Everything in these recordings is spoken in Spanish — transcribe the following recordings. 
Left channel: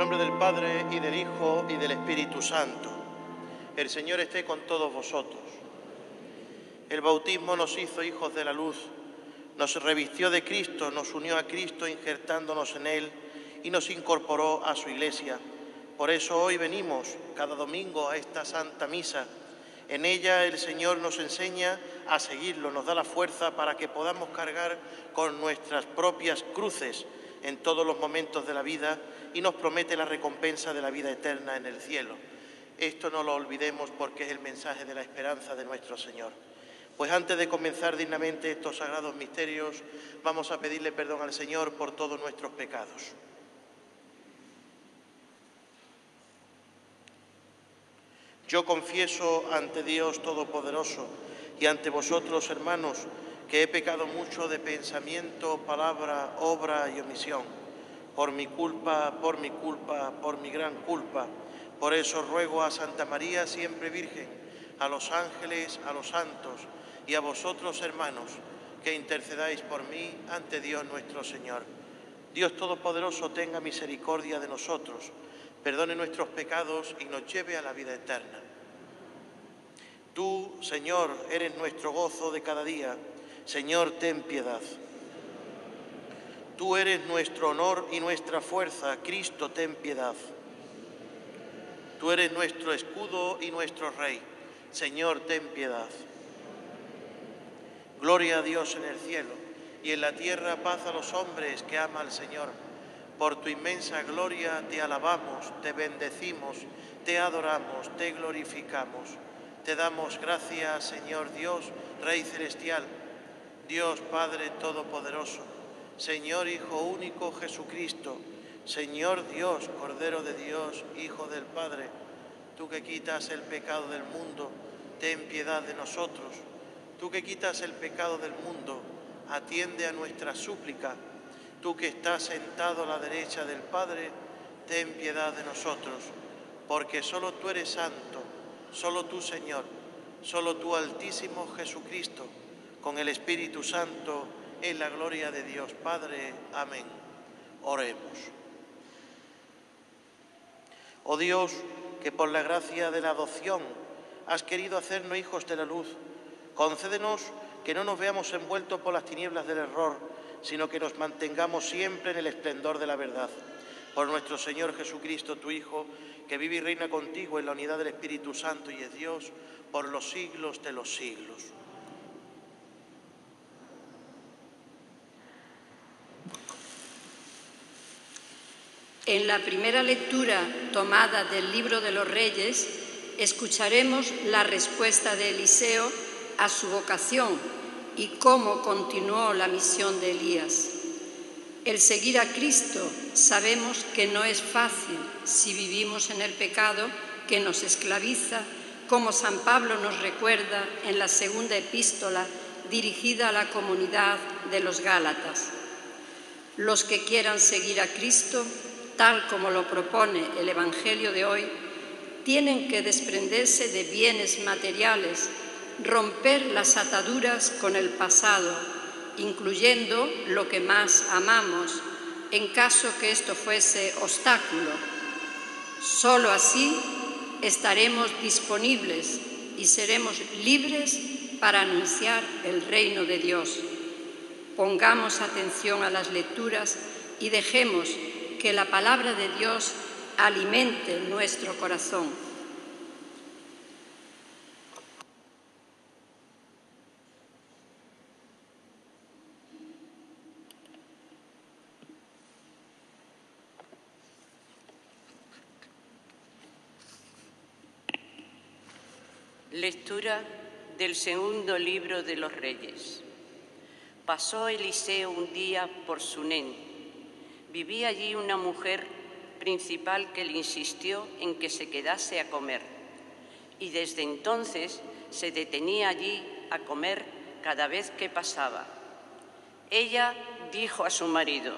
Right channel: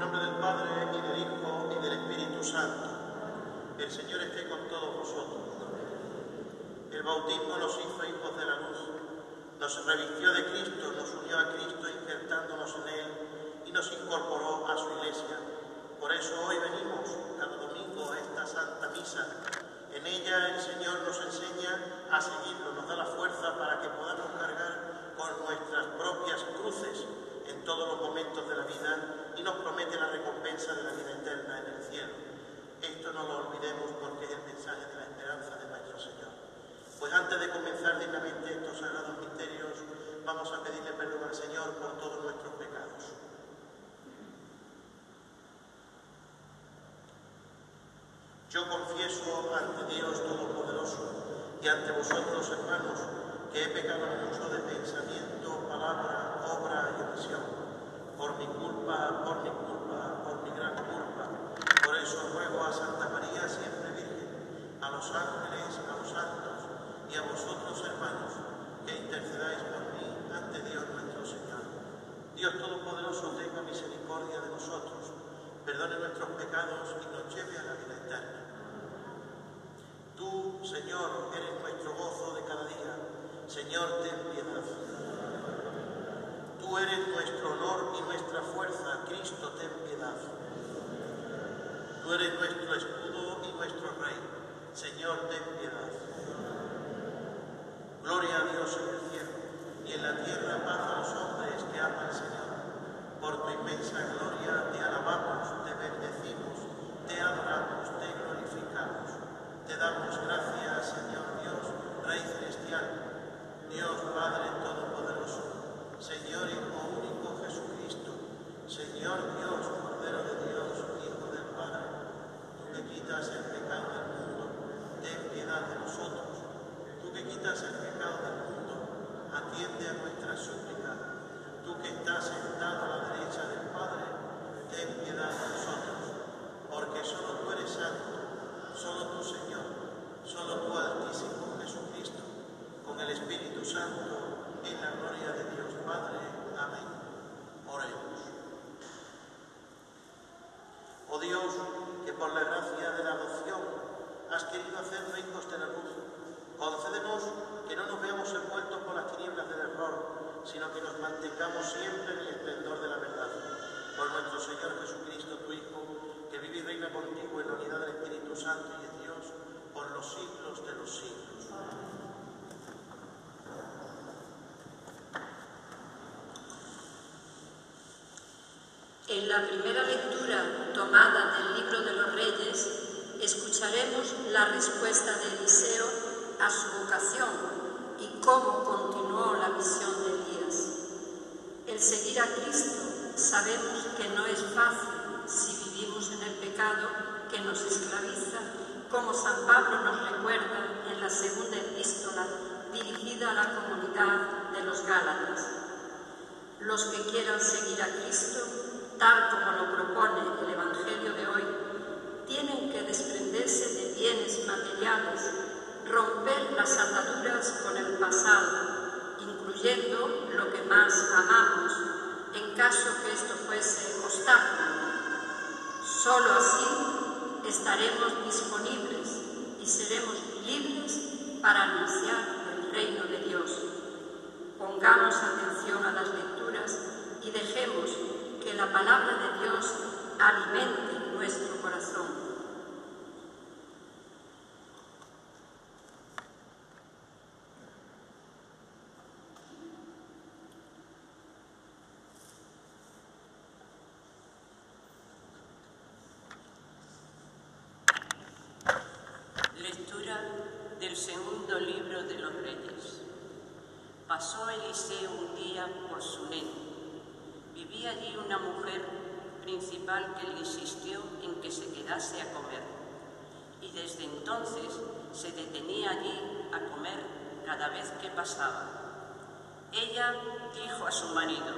nombre del Padre, y del Hijo, y del Espíritu Santo. El Señor esté con todos vosotros. El bautismo nos hizo hijos de la luz, nos revistió de Cristo, nos unió a Cristo injertándonos en Él y nos incorporó a su Iglesia. Por eso hoy venimos cada domingo a esta Santa Misa. En ella el Señor nos enseña a seguirlo, nos da la fuerza para que podamos cargar con nuestras propias cruces en todos los momentos de la vida y nos promete la recompensa de la vida eterna en el cielo. Esto no lo olvidemos porque es el mensaje de la esperanza de nuestro Señor. Pues antes de comenzar dignamente estos sagrados misterios, vamos a pedirle perdón al Señor por todos nuestros pecados. Yo confieso ante Dios Todopoderoso y ante vosotros, hermanos, que he pecado mucho de pensamiento, palabra, obra y omisión. Por mi culpa, por mi gran culpa. Por eso ruego a Santa María, siempre Virgen, a los ángeles, a los santos y a vosotros, hermanos, que intercedáis por mí ante Dios nuestro Señor. Dios Todopoderoso tenga misericordia de nosotros, perdone nuestros pecados y nos lleve a la vida eterna. Tú, Señor, eres nuestro gozo de cada día. Señor, ten piedad. Tú eres nuestro honor y nuestra fuerza. Cristo, ten piedad. Tú eres nuestro escudo y nuestro Rey. Señor, ten piedad. Gloria a Dios en el cielo y en la tierra paz a los hombres que aman al Señor. Por tu inmensa gloria te alabamos, te bendecimos, te adoramos, te glorificamos. Te damos gracias, Señor Dios, Rey celestial, Dios Padre Todopoderoso, Señor Hijo único Jesucristo, Señor Dios, Cordero de Dios, Hijo del Padre, tú que quitas el pecado del mundo, ten piedad de nosotros. Tú que quitas el pecado del mundo, atiende a nuestra súplica. Tú que estás sentado a la derecha del Padre, ten piedad de nosotros, porque solo tú eres santo, solo tú, Señor, solo tú, Altísimo Jesucristo, con el Espíritu Santo, en la gloria de Dios Padre. Amén. Oremos. Oh Dios, que por la gracia de la adopción has querido hacernos hijos de la luz, concédenos que no nos veamos envueltos por las tinieblas del error, sino que nos mantengamos siempre en el esplendor de la verdad. Por nuestro Señor Jesucristo, tu Hijo, que vive y reina contigo en la unidad del Espíritu Santo y es Dios por los siglos de los siglos. En la primera lectura tomada del Libro de los Reyes, escucharemos la respuesta de Eliseo a su vocación y cómo continuó la misión de Elías. El seguir a Cristo sabemos que no es fácil si vivimos en el pecado que nos esclaviza, como San Pablo nos recuerda en la segunda epístola dirigida a la comunidad de los Gálatas. Los que quieran seguir a Cristo, tal como lo propone el Evangelio de hoy, tienen que desprenderse de bienes materiales, romper las ataduras con el pasado, incluyendo lo que más amamos, en caso que esto fuese obstáculo. Solo así estaremos disponibles y seremos libres para anunciar el reino de Dios. Pongamos atención a las lecturas y dejemos que la palabra de Dios alimente nuestro corazón. Lectura del segundo libro de los Reyes. Pasó Eliseo un día por Sunén. Vivía allí una mujer principal que le insistió en que se quedase a comer, y desde entonces se detenía allí a comer cada vez que pasaba. Ella dijo a su marido:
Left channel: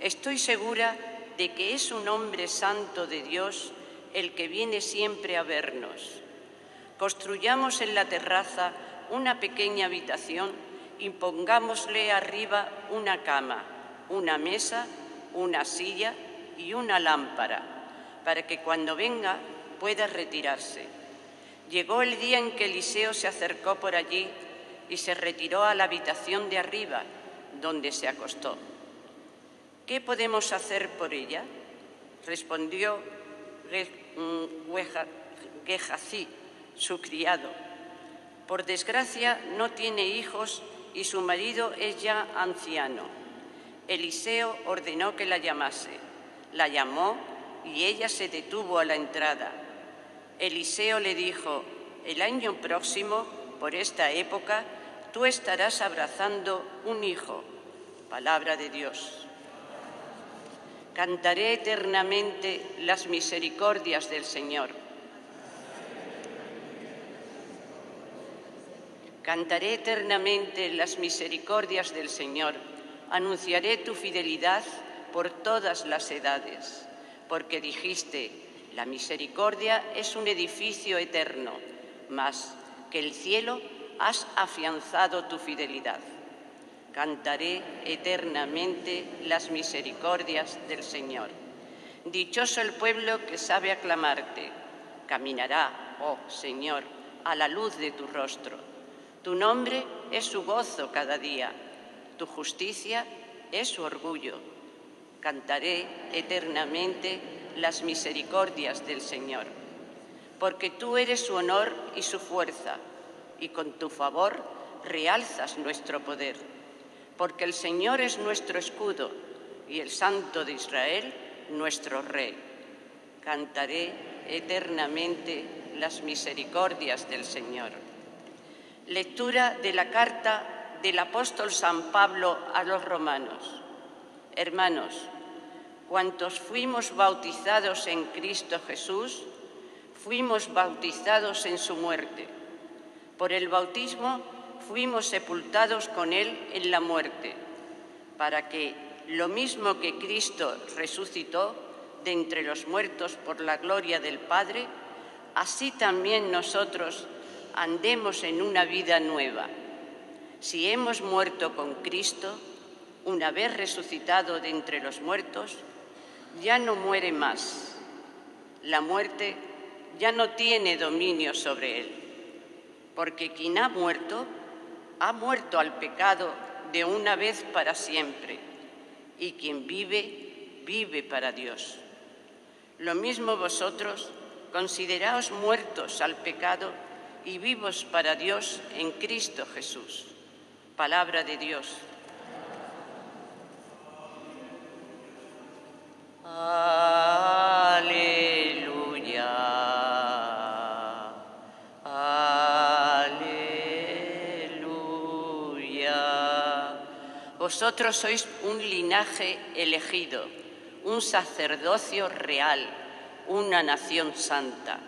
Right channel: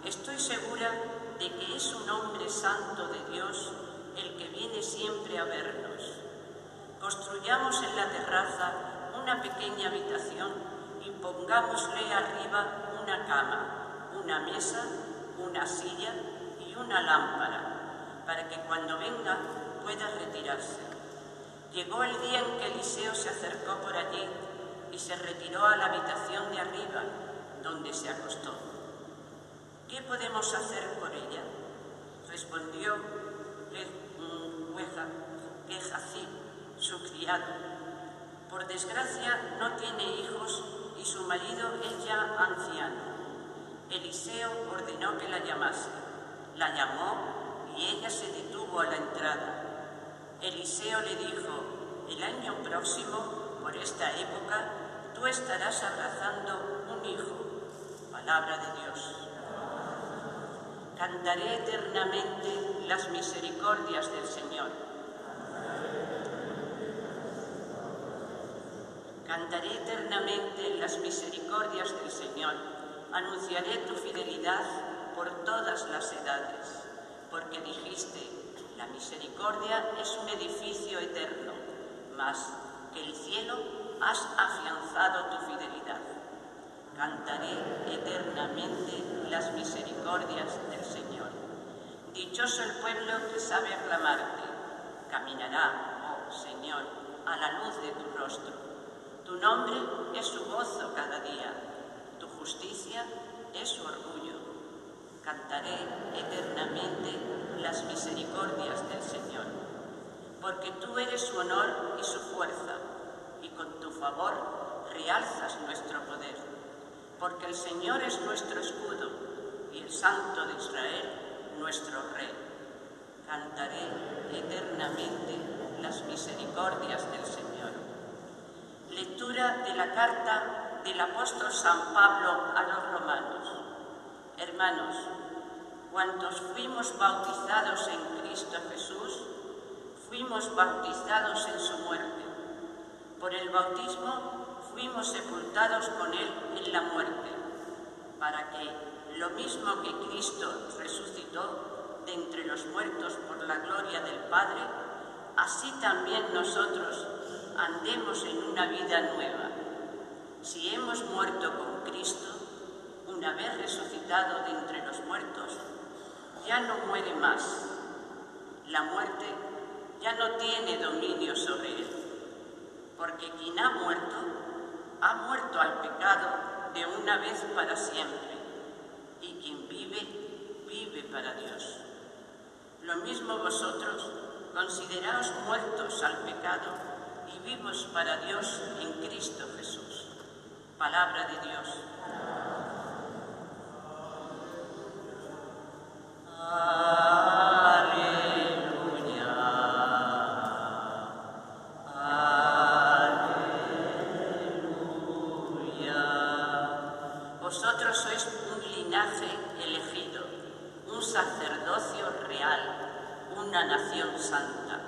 «Estoy segura de que es un hombre santo de Dios el que viene siempre a vernos. Construyamos en la terraza una pequeña habitación y pongámosle arriba una cama, una mesa, una silla y y una lámpara, para que cuando venga pueda retirarse. Llegó el día en que Eliseo se acercó por allí y se retiró a la habitación de arriba, donde se acostó. ¿Qué podemos hacer por ella? Respondió Gehazi, su criado. Por desgracia no tiene hijos y su marido es ya anciano. Eliseo ordenó que la llamase. La llamó y ella se detuvo a la entrada. Eliseo le dijo: el año próximo, por esta época, tú estarás abrazando un hijo. Palabra de Dios. Cantaré eternamente las misericordias del Señor. Cantaré eternamente las misericordias del Señor. Anunciaré tu fidelidad por todas las edades, porque dijiste: la misericordia es un edificio eterno, mas que el cielo has afianzado tu fidelidad. Cantaré eternamente las misericordias del Señor. Dichoso el pueblo que sabe aclamarte. Caminará, oh Señor, a la luz de tu rostro. Tu nombre es su gozo cada día. Tu justicia es su orgullo. Cantaré eternamente las misericordias del Señor. Porque tú eres su honor y su fuerza, y con tu favor realzas nuestro poder. Porque el Señor es nuestro escudo, y el Santo de Israel nuestro Rey. Cantaré eternamente las misericordias del Señor. Lectura de la carta del apóstol San Pablo a los romanos. Hermanos, cuantos fuimos bautizados en Cristo Jesús, fuimos bautizados en su muerte. Por el bautismo fuimos sepultados con Él en la muerte, para que, lo mismo que Cristo resucitó de entre los muertos por la gloria del Padre, así también nosotros andemos en una vida nueva. Si hemos muerto con Cristo, una vez resucitado de entre los muertos, ya no muere más. La muerte ya no tiene dominio sobre él, porque quien ha muerto al pecado de una vez para siempre, y quien vive, vive para Dios. Lo mismo vosotros, consideraos muertos al pecado y vivos para Dios en Cristo Jesús. Palabra de Dios. Aleluya. Aleluya. Vosotros sois un linaje elegido, un sacerdocio real, una nación santa.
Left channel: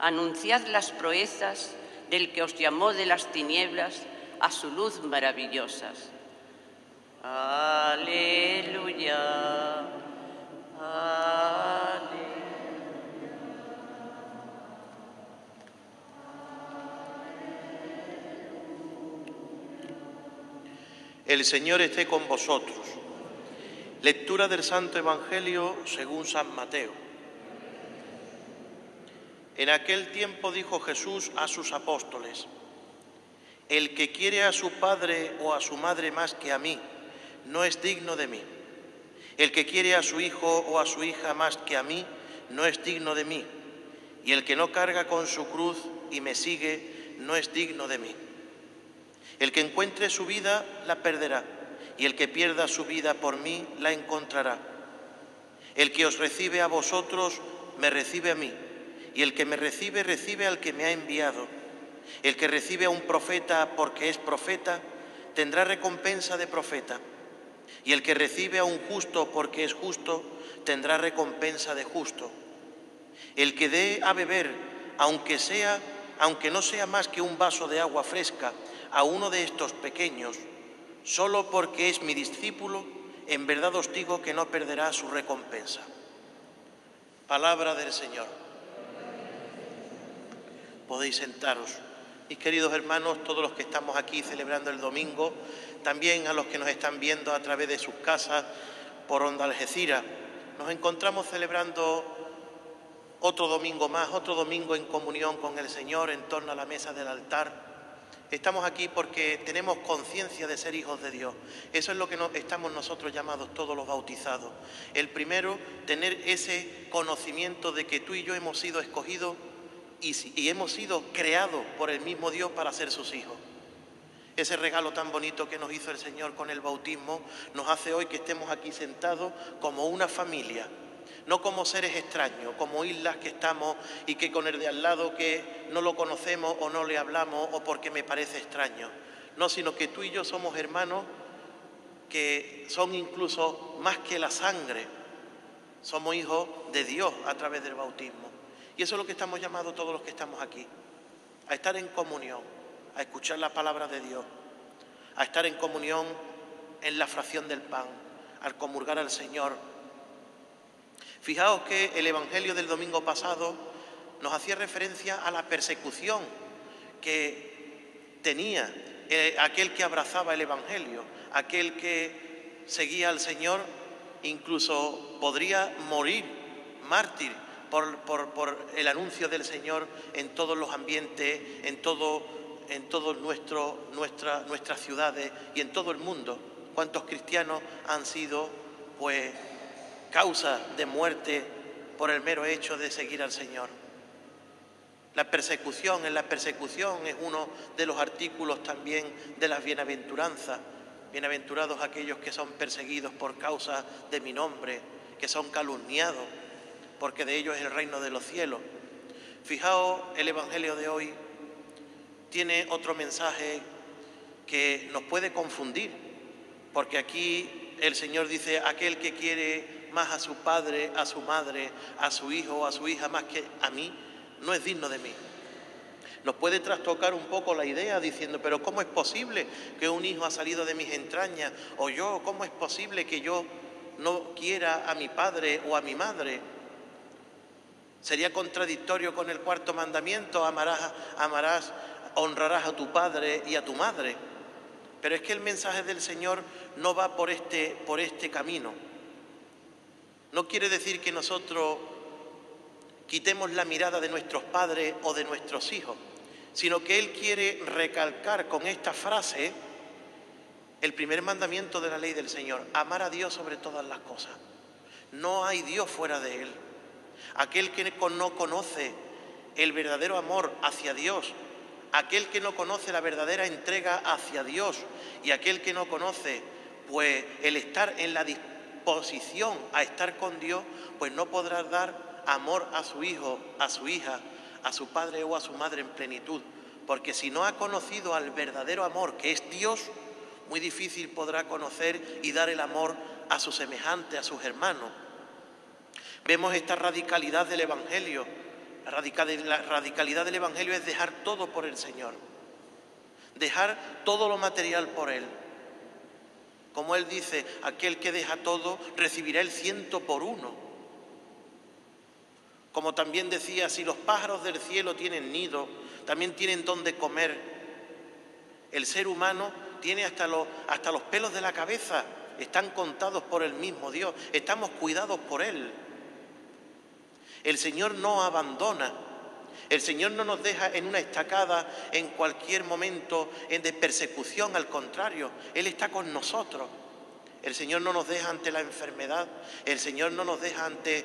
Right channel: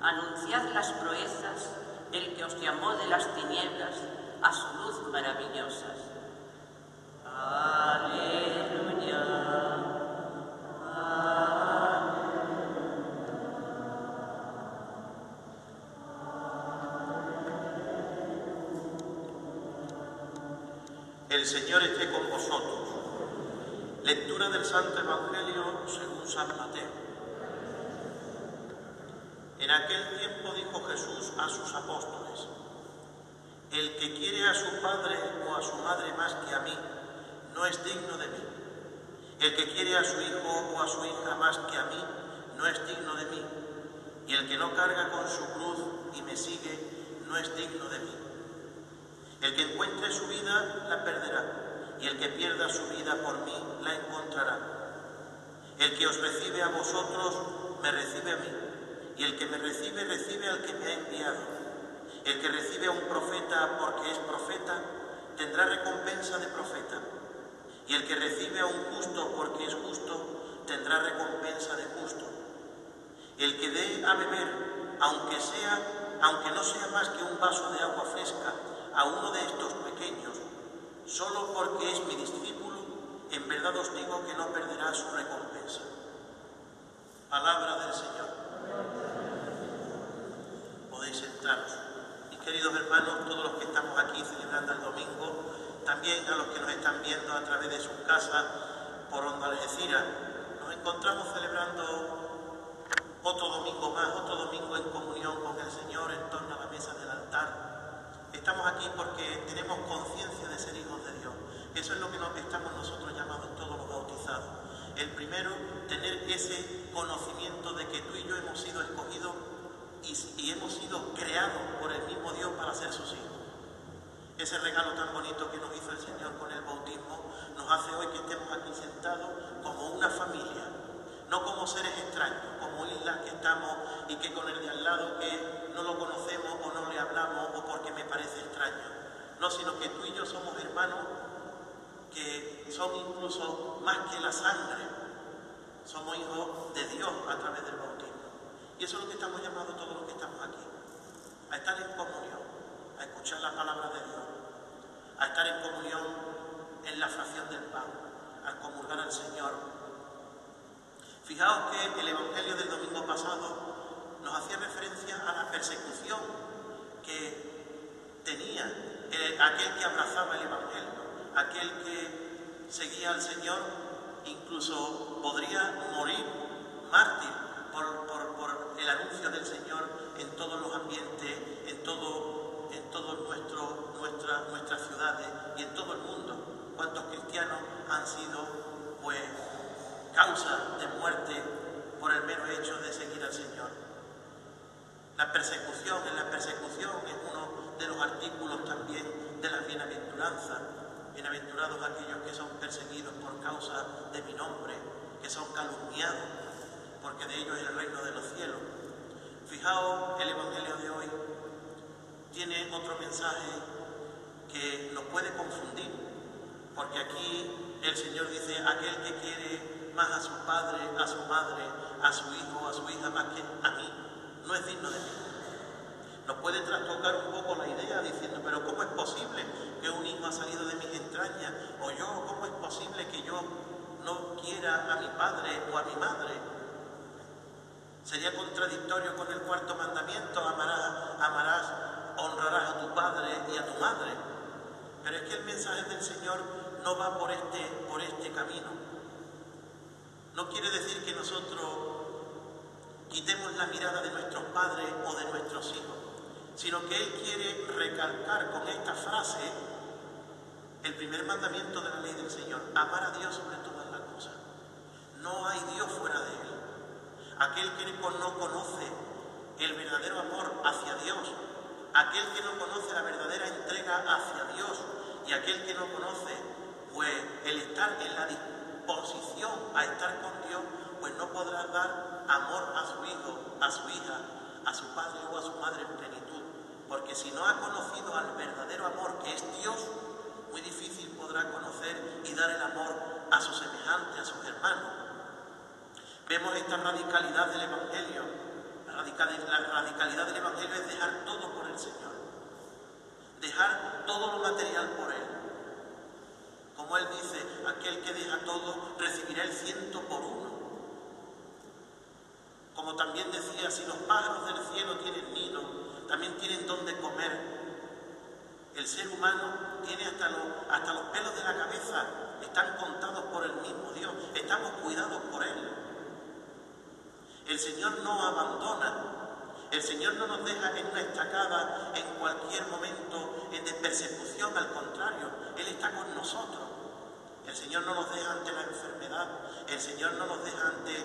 Anunciad las proezas del que os llamó de las tinieblas a su luz maravillosas. Aleluya. El Señor esté con vosotros. Lectura del Santo Evangelio según San Mateo. En aquel tiempo dijo Jesús a sus apóstoles: el que quiere a su padre o a su madre más que a mí, no es digno de mí. El que quiere a su hijo o a su hija más que a mí, no es digno de mí. Y el que no carga con su cruz y me sigue, no es digno de mí. El que encuentre su vida, la perderá, y el que pierda su vida por mí, la encontrará. El que os recibe a vosotros, me recibe a mí, y el que me recibe, recibe al que me ha enviado. El que recibe a un profeta porque es profeta, tendrá recompensa de profeta, y el que recibe a un justo porque es justo, tendrá recompensa de justo. El que dé a beber, aunque no sea más que un vaso de agua fresca, a uno de estos pequeños, solo porque es mi discípulo, en verdad os digo que no perderá su recompensa. Palabra del Señor. Podéis sentaros. Mis queridos hermanos, todos los que estamos aquí celebrando el domingo, también a los que nos están viendo a través de sus casas por Onda Algeciras, Nos encontramos celebrando otro domingo más, otro domingo en comunión con el Señor en torno a la mesa del altar. Estamos aquí porque tenemos conciencia de ser hijos de Dios. Eso es lo que estamos nosotros llamados todos los bautizados. El primero, tener ese conocimiento de que tú y yo hemos sido escogidos y hemos sido creados por el mismo Dios para ser sus hijos. Ese regalo tan bonito que nos hizo el Señor con el bautismo nos hace hoy que estemos aquí sentados como una familia. No como seres extraños, como islas que estamos y que con el de al lado que no lo conocemos o no le hablamos o porque me parece extraño. No, sino que tú y yo somos hermanos que son incluso más que la sangre. Somos hijos de Dios a través del bautismo. Y eso es lo que estamos llamados todos los que estamos aquí. A estar en comunión, a escuchar la palabra de Dios, a estar en comunión en la fracción del pan, al comulgar al Señor. Fijaos que el Evangelio del domingo pasado nos hacía referencia a la persecución que tenía aquel que abrazaba el Evangelio, aquel que seguía al Señor, incluso podría morir mártir por el anuncio del Señor en todos los ambientes, en todas nuestras ciudades y en todo el mundo. ¿Cuántos cristianos han sido, causa de muerte por el mero hecho de seguir al Señor? En la persecución es uno de los artículos también de las bienaventuranzas. Bienaventurados aquellos que son perseguidos por causa de mi nombre, que son calumniados, porque de ellos es el reino de los cielos. Fijaos, el Evangelio de hoy tiene otro mensaje que nos puede confundir, porque aquí el Señor dice: aquel que quiere más a su padre, a su madre, a su hijo o a su hija más que a mí, no es digno de mí. Nos puede trastocar un poco la idea diciendo: pero ¿cómo es posible que un hijo ha salido de mis entrañas? O yo, ¿cómo es posible que yo no quiera a mi padre o a mi madre? Sería contradictorio con el cuarto mandamiento: honrarás a tu padre y a tu madre. Pero es que el mensaje del Señor no va por este camino. No quiere decir que nosotros quitemos la mirada de nuestros padres o de nuestros hijos, sino que Él quiere recalcar con esta frase el primer mandamiento de la ley del Señor: amar a Dios sobre todas las cosas. No hay Dios fuera de Él. Aquel que no conoce el verdadero amor hacia Dios, aquel que no conoce la verdadera entrega hacia Dios y aquel que no conoce el estar en la disposición a estar con Dios, pues no podrá dar amor a su hijo, a su hija, a su padre o a su madre en plenitud. Porque si no ha conocido al verdadero amor, que es Dios, muy difícil podrá conocer y dar el amor a sus semejantes, a sus hermanos. Vemos esta radicalidad del Evangelio. La radicalidad del Evangelio es dejar todo por el Señor. Dejar todo lo material por Él. Como Él dice: aquel que deja todo recibirá el 100 por 1. Como también decía: si los pájaros del cielo tienen nido, también tienen donde comer. El ser humano tiene hasta los pelos de la cabeza, están contados por el mismo Dios, estamos cuidados por Él. El Señor no abandona, el Señor no nos deja en una estacada en cualquier momento de persecución, al contrario, Él está con nosotros. El Señor no nos deja ante la enfermedad, el Señor no nos deja ante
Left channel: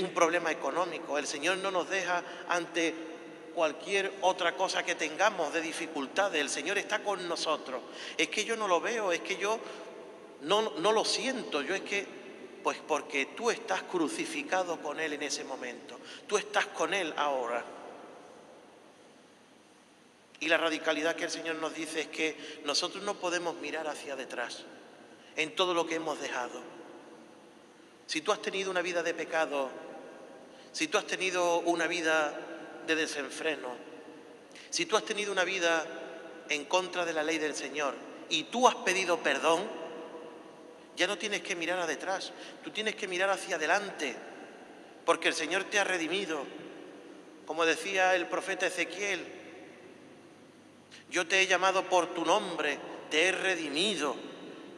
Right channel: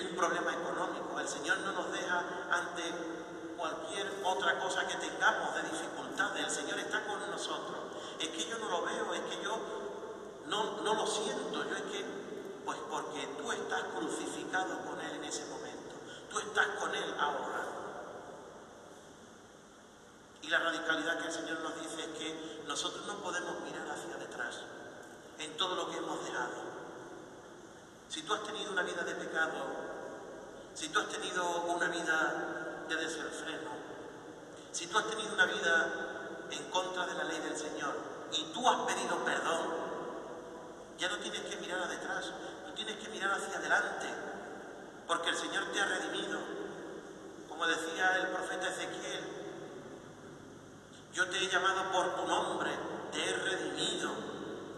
un problema económico, el Señor no nos deja ante cualquier otra cosa que tengamos de dificultades. El Señor está con nosotros. Es que yo no lo veo, es que yo no lo siento, pues porque tú estás crucificado con Él en ese momento, tú estás con Él ahora. Y la radicalidad que el Señor nos dice es que nosotros no podemos mirar hacia detrás en todo lo que hemos dejado. Si tú has tenido una vida de pecado, si tú has tenido una vida de desenfreno, si tú has tenido una vida en contra de la ley del Señor y tú has pedido perdón, ya no tienes que mirar a detrás, tú tienes que mirar hacia adelante, porque el Señor te ha redimido. Como decía el profeta Ezequiel: yo te he llamado por tu nombre, te he redimido,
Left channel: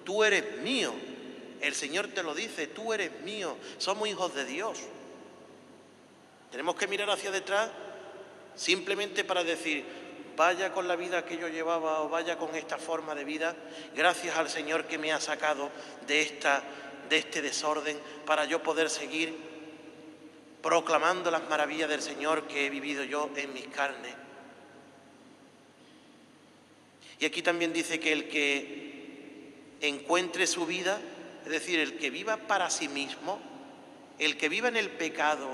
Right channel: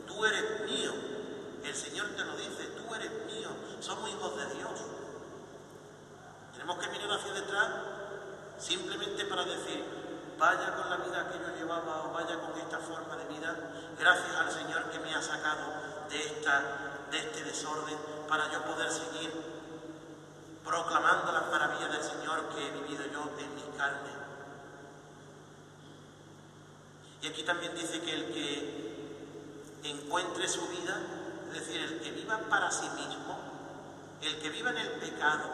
tú eres mío. El Señor te lo dice, tú eres mío, somos hijos de Dios. Tenemos que mirar hacia detrás simplemente para decir, vaya con la vida que yo llevaba o vaya con esta forma de vida, gracias al Señor que me ha sacado de este desorden para yo poder seguir proclamando las maravillas del Señor que he vivido yo en mis carnes. Y aquí también dice que el que encuentre su vida, es decir, el que viva para sí mismo, el que viva en el pecado,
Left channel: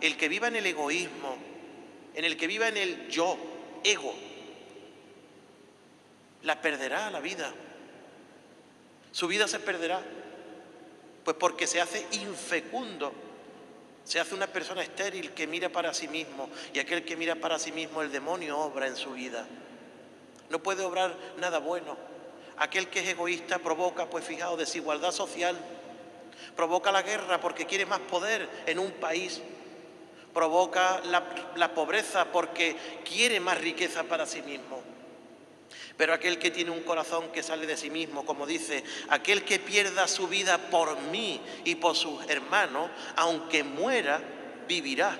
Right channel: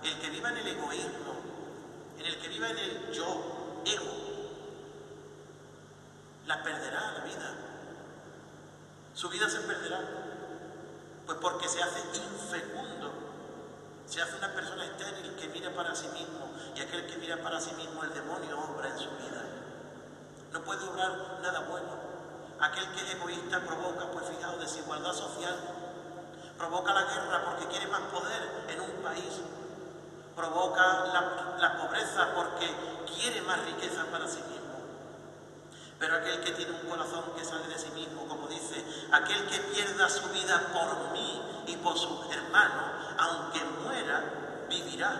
el que viva en el egoísmo, en el que viva en el yo, ego, la perderá la vida. Su vida se perderá, pues porque se hace infecundo, se hace una persona estéril que mira para sí mismo, y aquel que mira para sí mismo, el demonio obra en su vida. No puede obrar nada bueno. Aquel que es egoísta provoca, pues fijaos, desigualdad social, provoca la guerra porque quiere más poder en un país, provoca la pobreza porque quiere más riqueza para sí mismo. Pero aquel que tiene un corazón que sale de sí mismo, como dice, aquel que pierda su vida por mí y por sus hermanos, aunque muera, vivirá.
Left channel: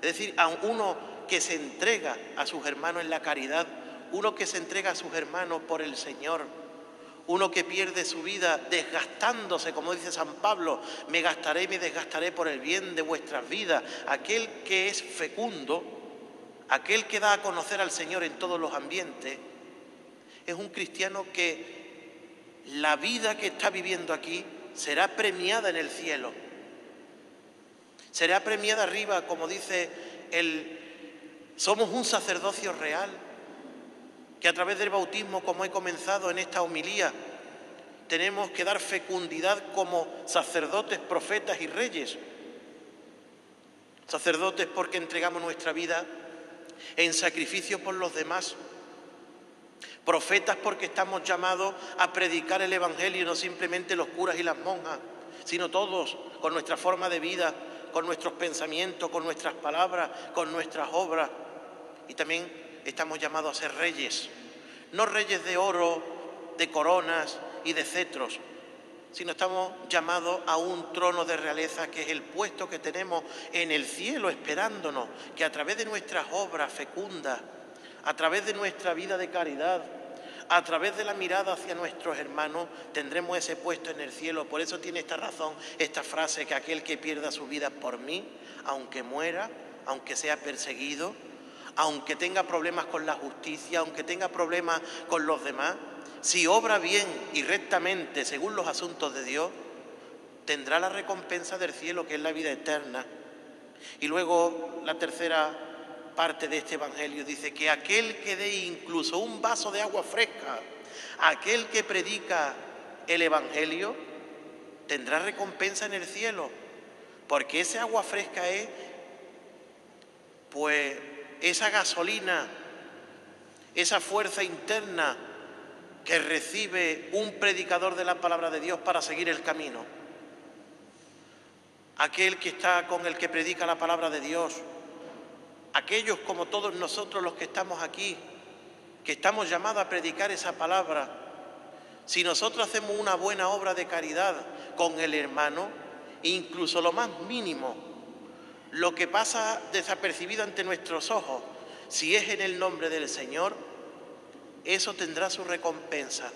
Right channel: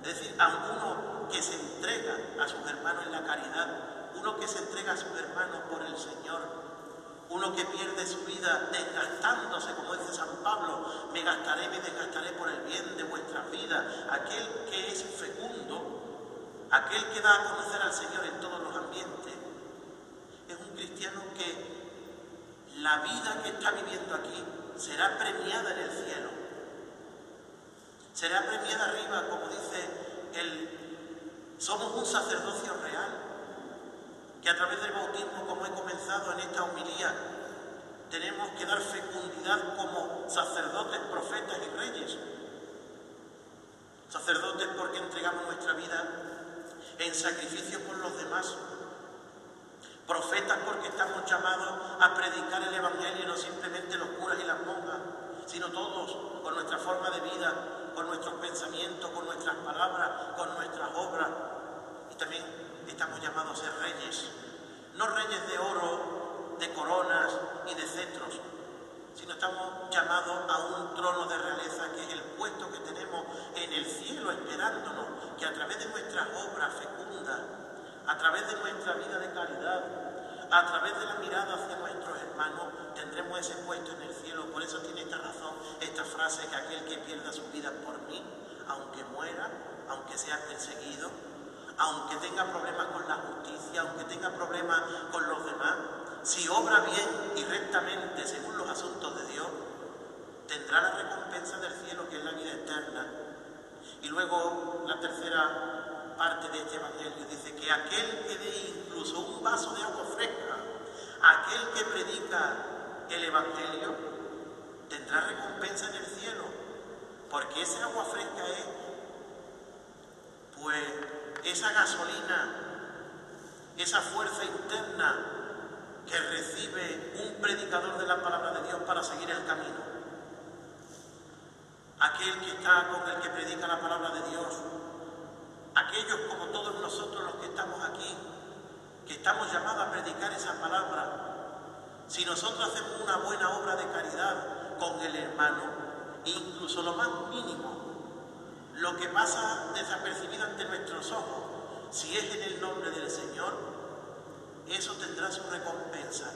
Es decir, a uno que se entrega a sus hermanos en la caridad, uno que se entrega a sus hermanos por el Señor, uno que pierde su vida desgastándose, como dice San Pablo, me gastaré y me desgastaré por el bien de vuestras vidas. Aquel que es fecundo, aquel que da a conocer al Señor en todos los ambientes, es un cristiano que la vida que está viviendo aquí será premiada en el cielo. Será premiada arriba, como dice somos un sacerdocio real, que a través del bautismo, como he comenzado en esta homilía, tenemos que dar fecundidad como sacerdotes, profetas y reyes. Sacerdotes porque entregamos nuestra vida en sacrificio por los demás. Profetas porque estamos llamados a predicar el Evangelio, no simplemente los curas y las monjas, sino todos, con nuestra forma de vida, con nuestros pensamientos, con nuestras palabras, con nuestras obras. Y también estamos llamados a ser reyes, no reyes de oro, de coronas y de cetros, sino estamos llamados a un trono de realeza que es el puesto que tenemos en el cielo esperándonos, que a través de nuestras obras fecundas, a través de nuestra vida de caridad, a través de la mirada hacia nuestros hermanos, tendremos ese puesto en el cielo. Por eso tiene esta razón, esta frase, que aquel que pierda su vida por mí, aunque muera, aunque sea perseguido, aunque tenga problemas con la justicia, aunque tenga problemas con los demás, si obra bien y rectamente según los asuntos de Dios, tendrá la recompensa del cielo, que es la vida eterna. Y luego la tercera parte de este evangelio dice que aquel que dé incluso un vaso de agua fresca, aquel que predica el evangelio, tendrá recompensa en el cielo, porque ese agua fresca es, pues, esa gasolina, esa fuerza interna que recibe un predicador de la palabra de Dios para seguir el camino. Aquel que está con el que predica la palabra de Dios, aquellos como todos nosotros los que estamos aquí, que estamos llamados a predicar esa palabra, si nosotros hacemos una buena obra de caridad con el hermano, incluso lo más mínimo, lo que pasa desapercibido ante nuestros ojos, si es en el nombre del Señor, eso tendrá su recompensa.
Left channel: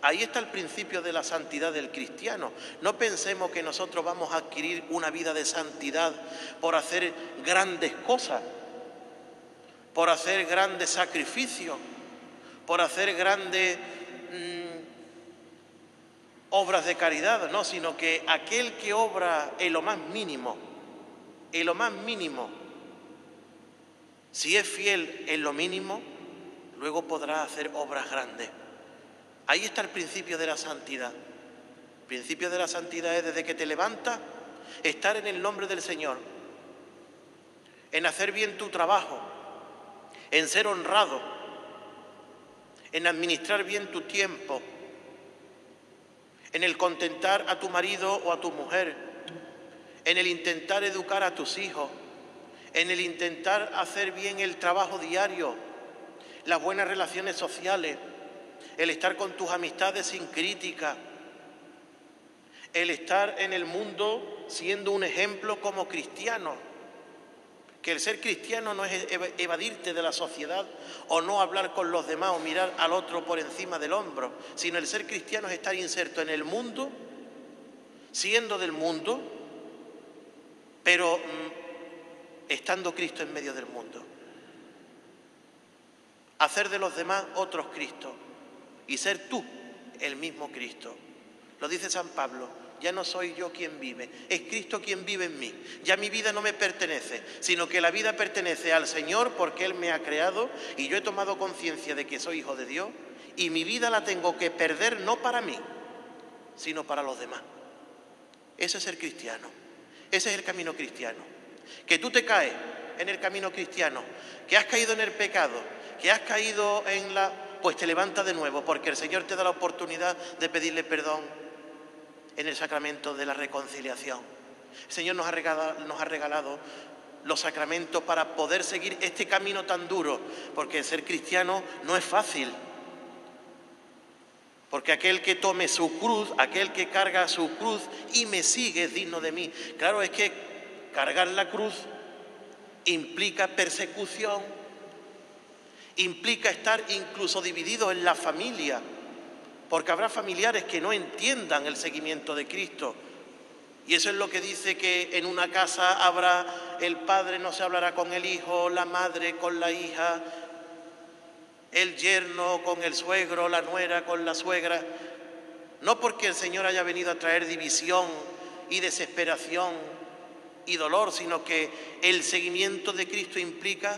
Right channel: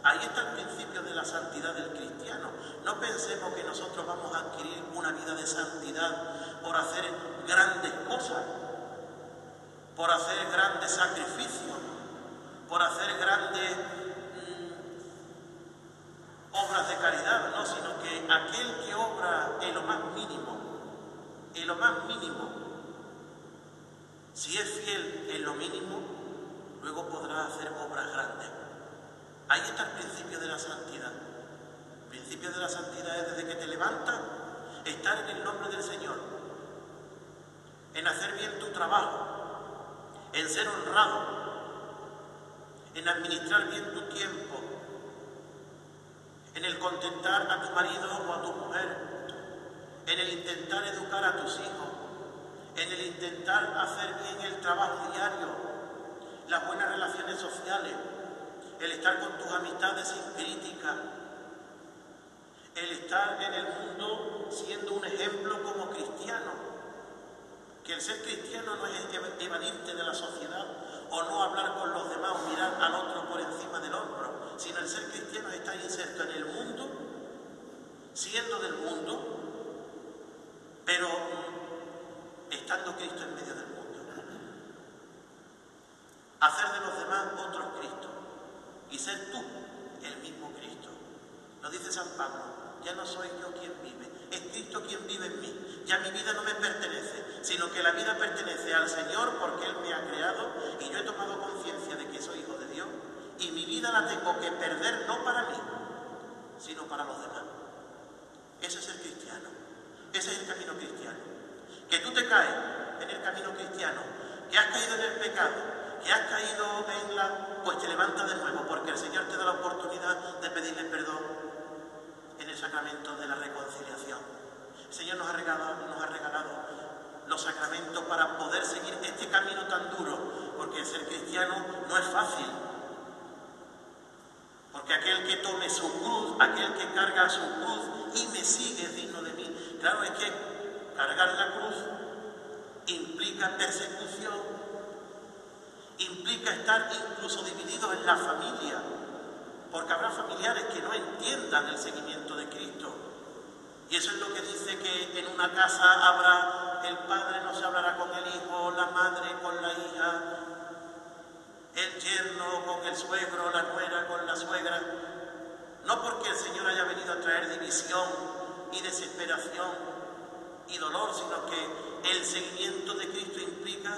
Ahí está el principio de la santidad del cristiano. No pensemos que nosotros vamos a adquirir una vida de santidad por hacer grandes cosas, por hacer grandes sacrificios, por hacer grandes obras de caridad, no, sino que aquel que obra en lo más mínimo, si es fiel en lo mínimo, luego podrá hacer obras grandes. Ahí está el principio de la santidad. El principio de la santidad es desde que te levantas, estar en el nombre del Señor, en hacer bien tu trabajo, en ser honrado, en administrar bien tu tiempo, en el contentar a tu marido o a tu mujer, en el intentar educar a tus hijos, en el intentar hacer bien el trabajo diario, las buenas relaciones sociales, el estar con tus amistades sin crítica, el estar en el mundo siendo un ejemplo como cristiano, que el ser cristiano no es evadirte de la sociedad o no hablar con los demás o mirar al otro por encima del hombro, sino el ser cristiano es estar inserto en el mundo, siendo del mundo, pero estando Cristo en medio del mundo. Hacer de los demás otros Cristos y ser tú el mismo Cristo. Lo dice San Pablo, ya no soy yo quien vive, es Cristo quien vive en mí. Ya mi vida no me pertenece, sino que la vida pertenece al Señor porque Él me ha creado y yo he tomado conciencia de que soy hijo de Dios y mi vida la tengo que perder no para mí, sino para los demás. Ese es el cristiano, ese es el camino cristiano. Que tú te caes en el camino cristiano, que has caído en el pecado, que has caído en pues te levantas de nuevo, porque el Señor te da la oportunidad de pedirle perdón en el sacramento de la reconciliación. El Señor nos ha regalado los sacramentos para poder seguir este camino tan duro, porque el ser cristiano no es fácil. Porque aquel que tome su cruz, aquel que carga su cruz y me sigue es digno de mí. Claro, es que cargar la cruz implica persecución, implica estar incluso dividido en la familia, porque habrá familiares que no entiendan el seguimiento de Cristo. Y eso es lo que dice que en una casa habrá, el padre no se hablará con el hijo, la madre con la hija, el yerno con el suegro, la nuera con la suegra. No porque el Señor haya venido a traer división y desesperación y dolor, sino que el seguimiento de Cristo implica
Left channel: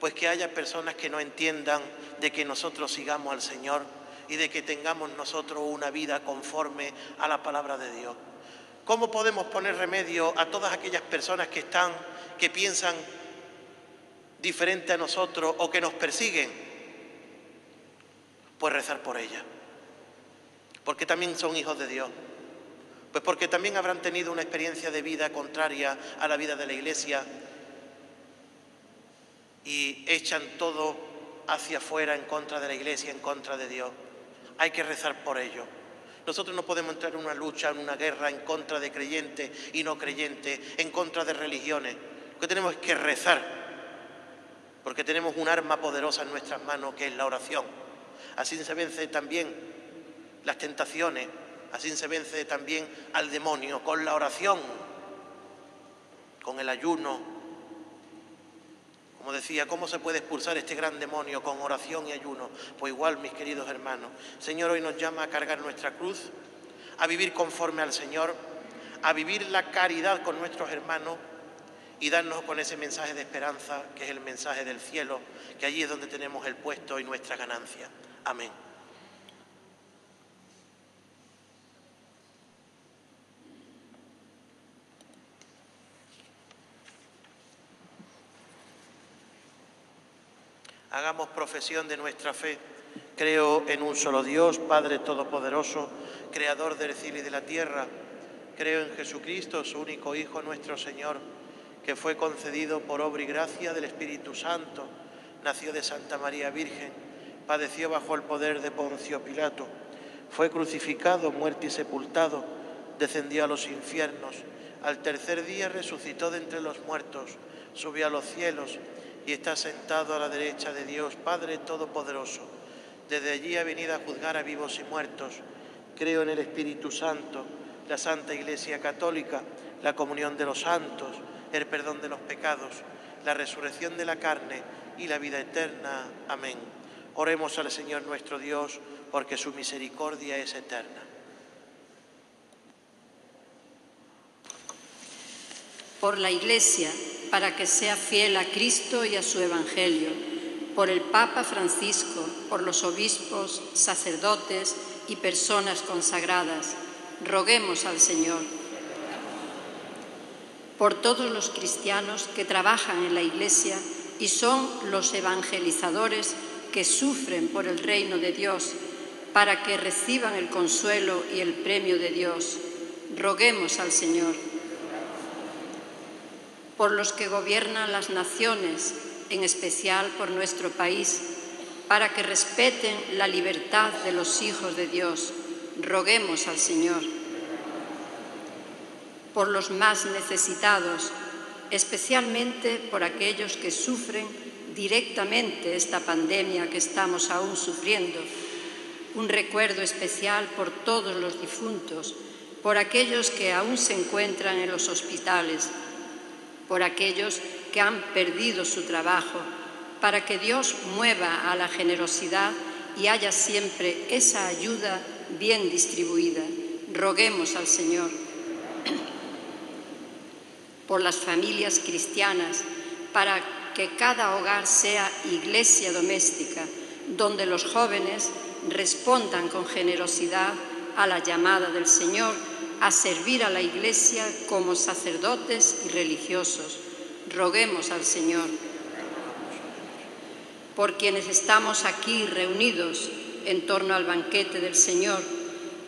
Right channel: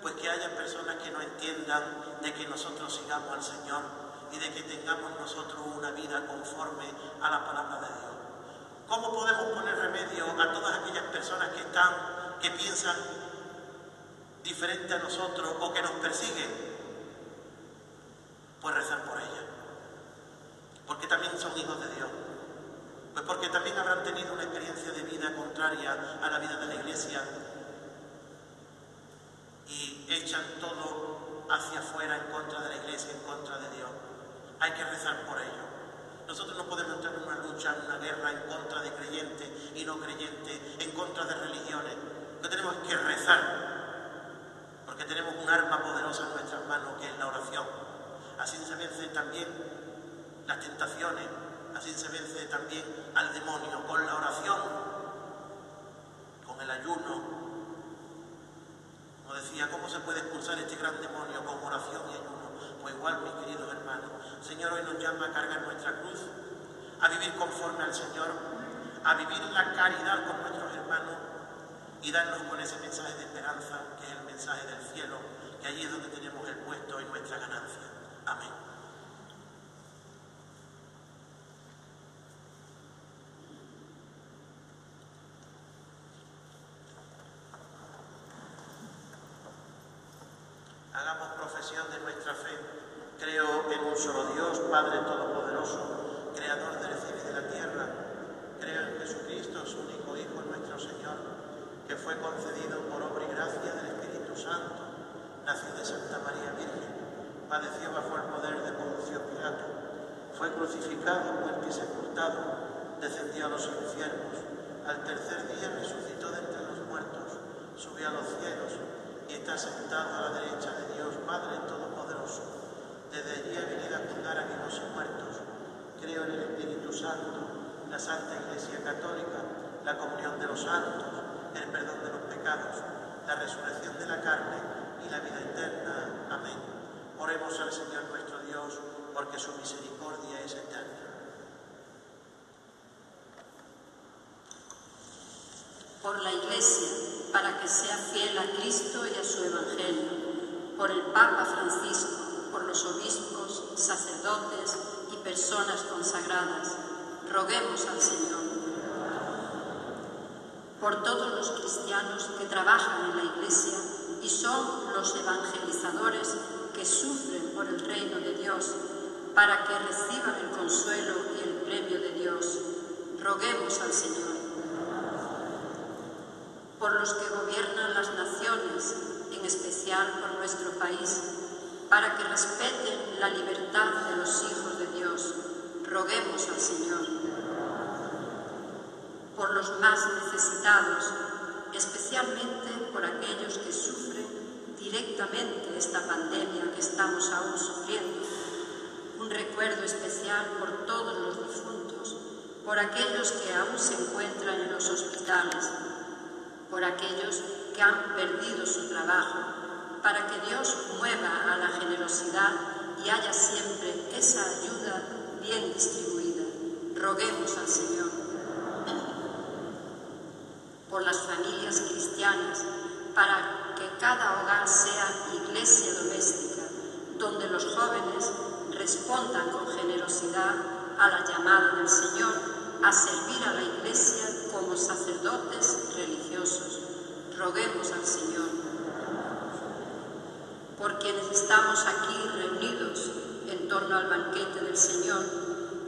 pues que haya personas que no entiendan de que nosotros sigamos al Señor y de que tengamos nosotros una vida conforme a la palabra de Dios. ¿Cómo podemos poner remedio a todas aquellas personas que piensan diferente a nosotros o que nos persiguen? Pues rezar por ellas, porque también son hijos de Dios, pues porque también habrán tenido una experiencia de vida contraria a la vida de la Iglesia y echan todo hacia afuera en contra de la Iglesia, en contra de Dios. Hay que rezar por ellos. Nosotros no podemos entrar en una lucha, en una guerra en contra de creyentes y no creyentes, en contra de religiones. Lo que tenemos es que rezar, porque tenemos un arma poderosa en nuestras manos que es la oración. Así se vence también las tentaciones, así se vence también al demonio, con la oración, con el ayuno. Como decía, ¿cómo se puede expulsar este gran demonio? Con oración y ayuno. Pues igual, mis queridos hermanos, el Señor hoy nos llama a cargar nuestra cruz, a vivir conforme al Señor, a vivir la caridad con nuestros hermanos y darnos con ese mensaje de esperanza, que es el mensaje del cielo, que allí es donde tenemos el puesto y nuestra ganancia. Amén. Hagamos profesión de nuestra fe. Creo en un solo Dios, Padre Todopoderoso, Creador del cielo y de la tierra. Creo en Jesucristo, su único Hijo, nuestro Señor, que fue concedido por obra y gracia del Espíritu Santo. Nació de Santa María Virgen, padeció bajo el poder de Poncio Pilato, fue crucificado, muerto y sepultado, descendió a los infiernos, al tercer día resucitó de entre los muertos, subió a los cielos y está sentado a la derecha de Dios, Padre Todopoderoso. Desde allí ha venido a juzgar a vivos y muertos. Creo en el Espíritu Santo, la Santa Iglesia Católica, la comunión de los santos, el perdón de los pecados, la resurrección de la carne y la vida eterna. Amén. Oremos al Señor nuestro Dios, porque su misericordia es eterna. Por la Iglesia, para que sea fiel a Cristo y a su Evangelio, por el Papa Francisco, por los obispos, sacerdotes y personas consagradas, roguemos al Señor. Por todos los cristianos que trabajan en la Iglesia y son los evangelizadores que sufren por el reino de Dios, para que reciban el consuelo y el premio de Dios, roguemos al Señor. Por los que gobiernan las naciones, en especial por nuestro país, para que respeten la libertad de los hijos de Dios, roguemos al Señor. por los más necesitados, especialmente por aquellos que sufren directamente esta pandemia que estamos aún sufriendo. Un recuerdo especial por todos los difuntos, por aquellos que aún se encuentran en los hospitales, por aquellos que han perdido su trabajo, para que Dios mueva a la generosidad y haya siempre esa ayuda bien distribuida. Roguemos al Señor. Por las familias cristianas, para que cada hogar sea iglesia doméstica, donde los jóvenes respondan con generosidad a la llamada del Señor a servir a la Iglesia como sacerdotes y religiosos. Roguemos al Señor. Por quienes estamos aquí reunidos en torno al banquete del Señor,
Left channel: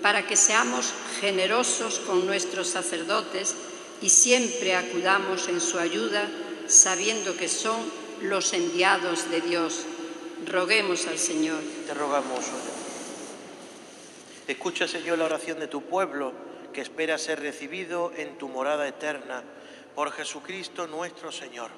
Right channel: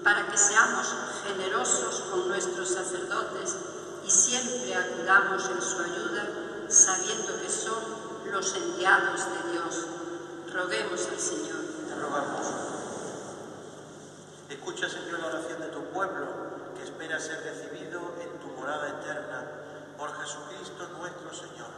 para que seamos generosos con nuestros sacerdotes y siempre acudamos en su ayuda, sabiendo que son los enviados de Dios. Roguemos al Señor. Te rogamos. Escucha, Señor, la oración de tu pueblo, que espera ser recibido en tu morada eterna, por Jesucristo nuestro Señor.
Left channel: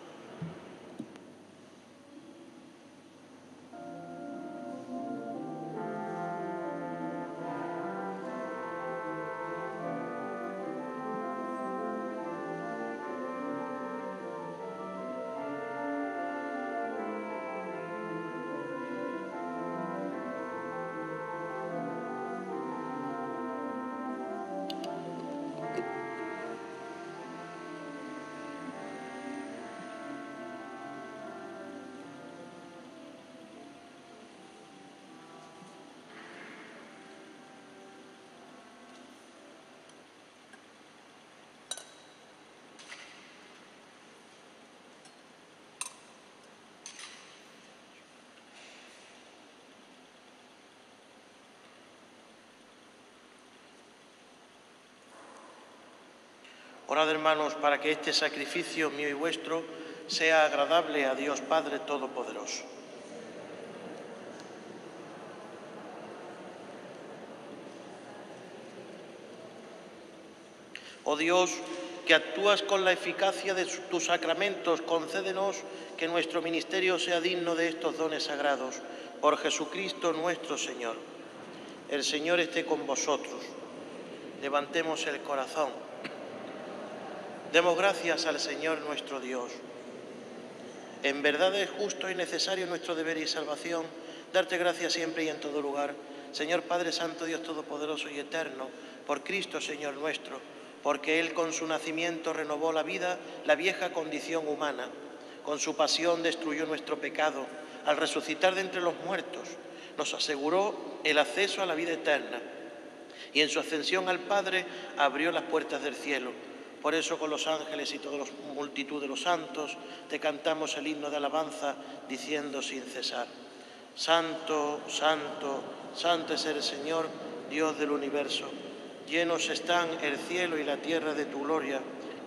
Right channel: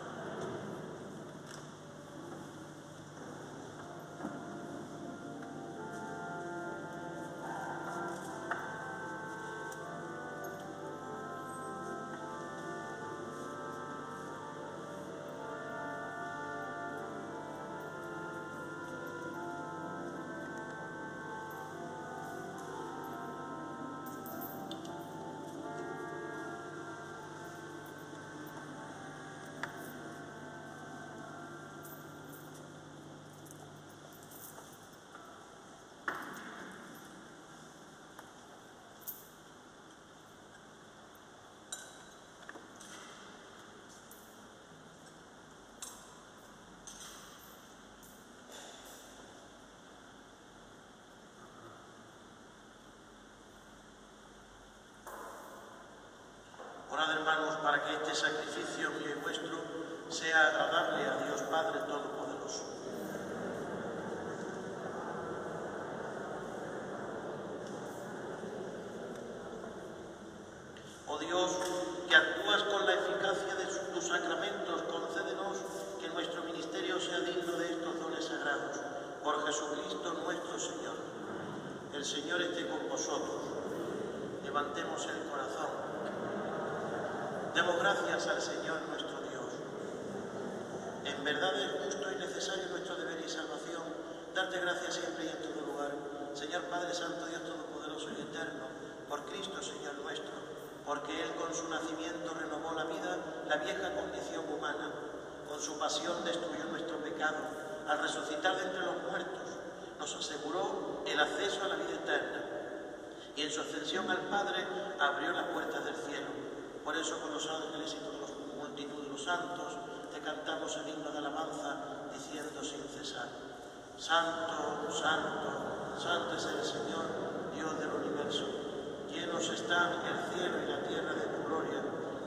Orad, hermanos, para que este sacrificio mío y vuestro sea agradable a Dios Padre Todopoderoso. Oh Dios, que actúas con la eficacia de tus sacramentos, concédenos que nuestro ministerio sea digno de estos dones sagrados. Por Jesucristo nuestro Señor. El Señor esté con vosotros. Levantemos el corazón. Demos gracias al Señor nuestro Dios. En verdad es justo y necesario nuestro deber y salvación darte gracias siempre y en todo lugar, Señor Padre Santo, Dios Todopoderoso y Eterno, por Cristo Señor nuestro, porque Él con su nacimiento renovó la vida, la vieja condición humana. Con su pasión destruyó nuestro pecado. Al resucitar de entre los muertos, nos aseguró el acceso a la vida eterna. Y en su ascensión al Padre abrió las puertas del cielo. Por eso con los ángeles y toda la multitud de los santos te cantamos el himno de alabanza diciendo sin cesar: Santo, santo, santo es el Señor, Dios del universo. Llenos están el cielo y la tierra de tu gloria.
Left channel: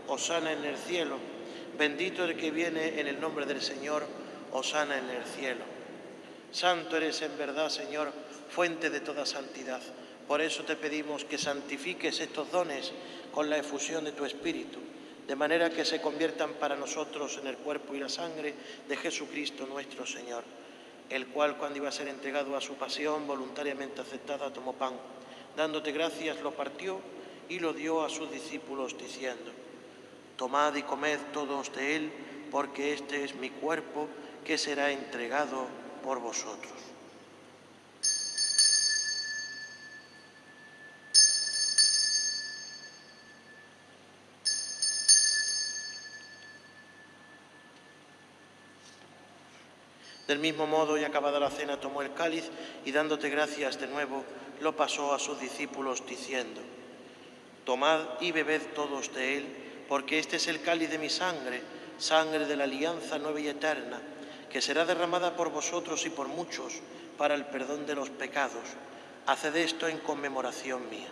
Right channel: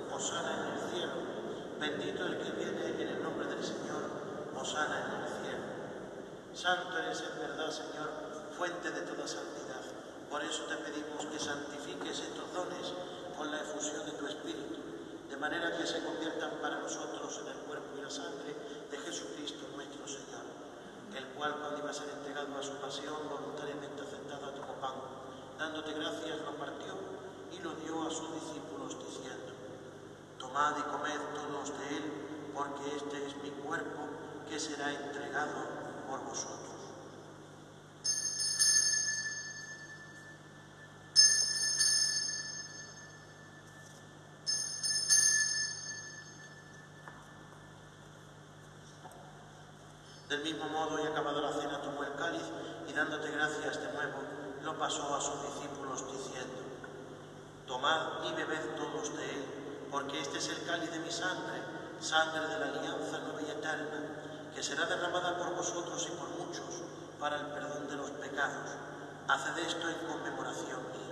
Hosana en el cielo. Bendito el que viene en el nombre del Señor. Hosana en el cielo. Santo eres en verdad, Señor, fuente de toda santidad. Por eso te pedimos que santifiques estos dones con la efusión de tu Espíritu, de manera que se conviertan para nosotros en el cuerpo y la sangre de Jesucristo nuestro Señor, el cual, cuando iba a ser entregado a su pasión, voluntariamente aceptada, tomó pan, dándote gracias, lo partió y lo dio a sus discípulos, diciendo: Tomad y comed todos de él, porque este es mi cuerpo, que será entregado por vosotros. Del mismo modo, y acabada la cena, tomó el cáliz y dándote gracias de nuevo, lo pasó a sus discípulos diciendo: Tomad y bebed todos de él, porque este es el cáliz de mi sangre, sangre de la alianza nueva y eterna, que será derramada por vosotros y por muchos para el perdón de los pecados. Haced esto en conmemoración mía.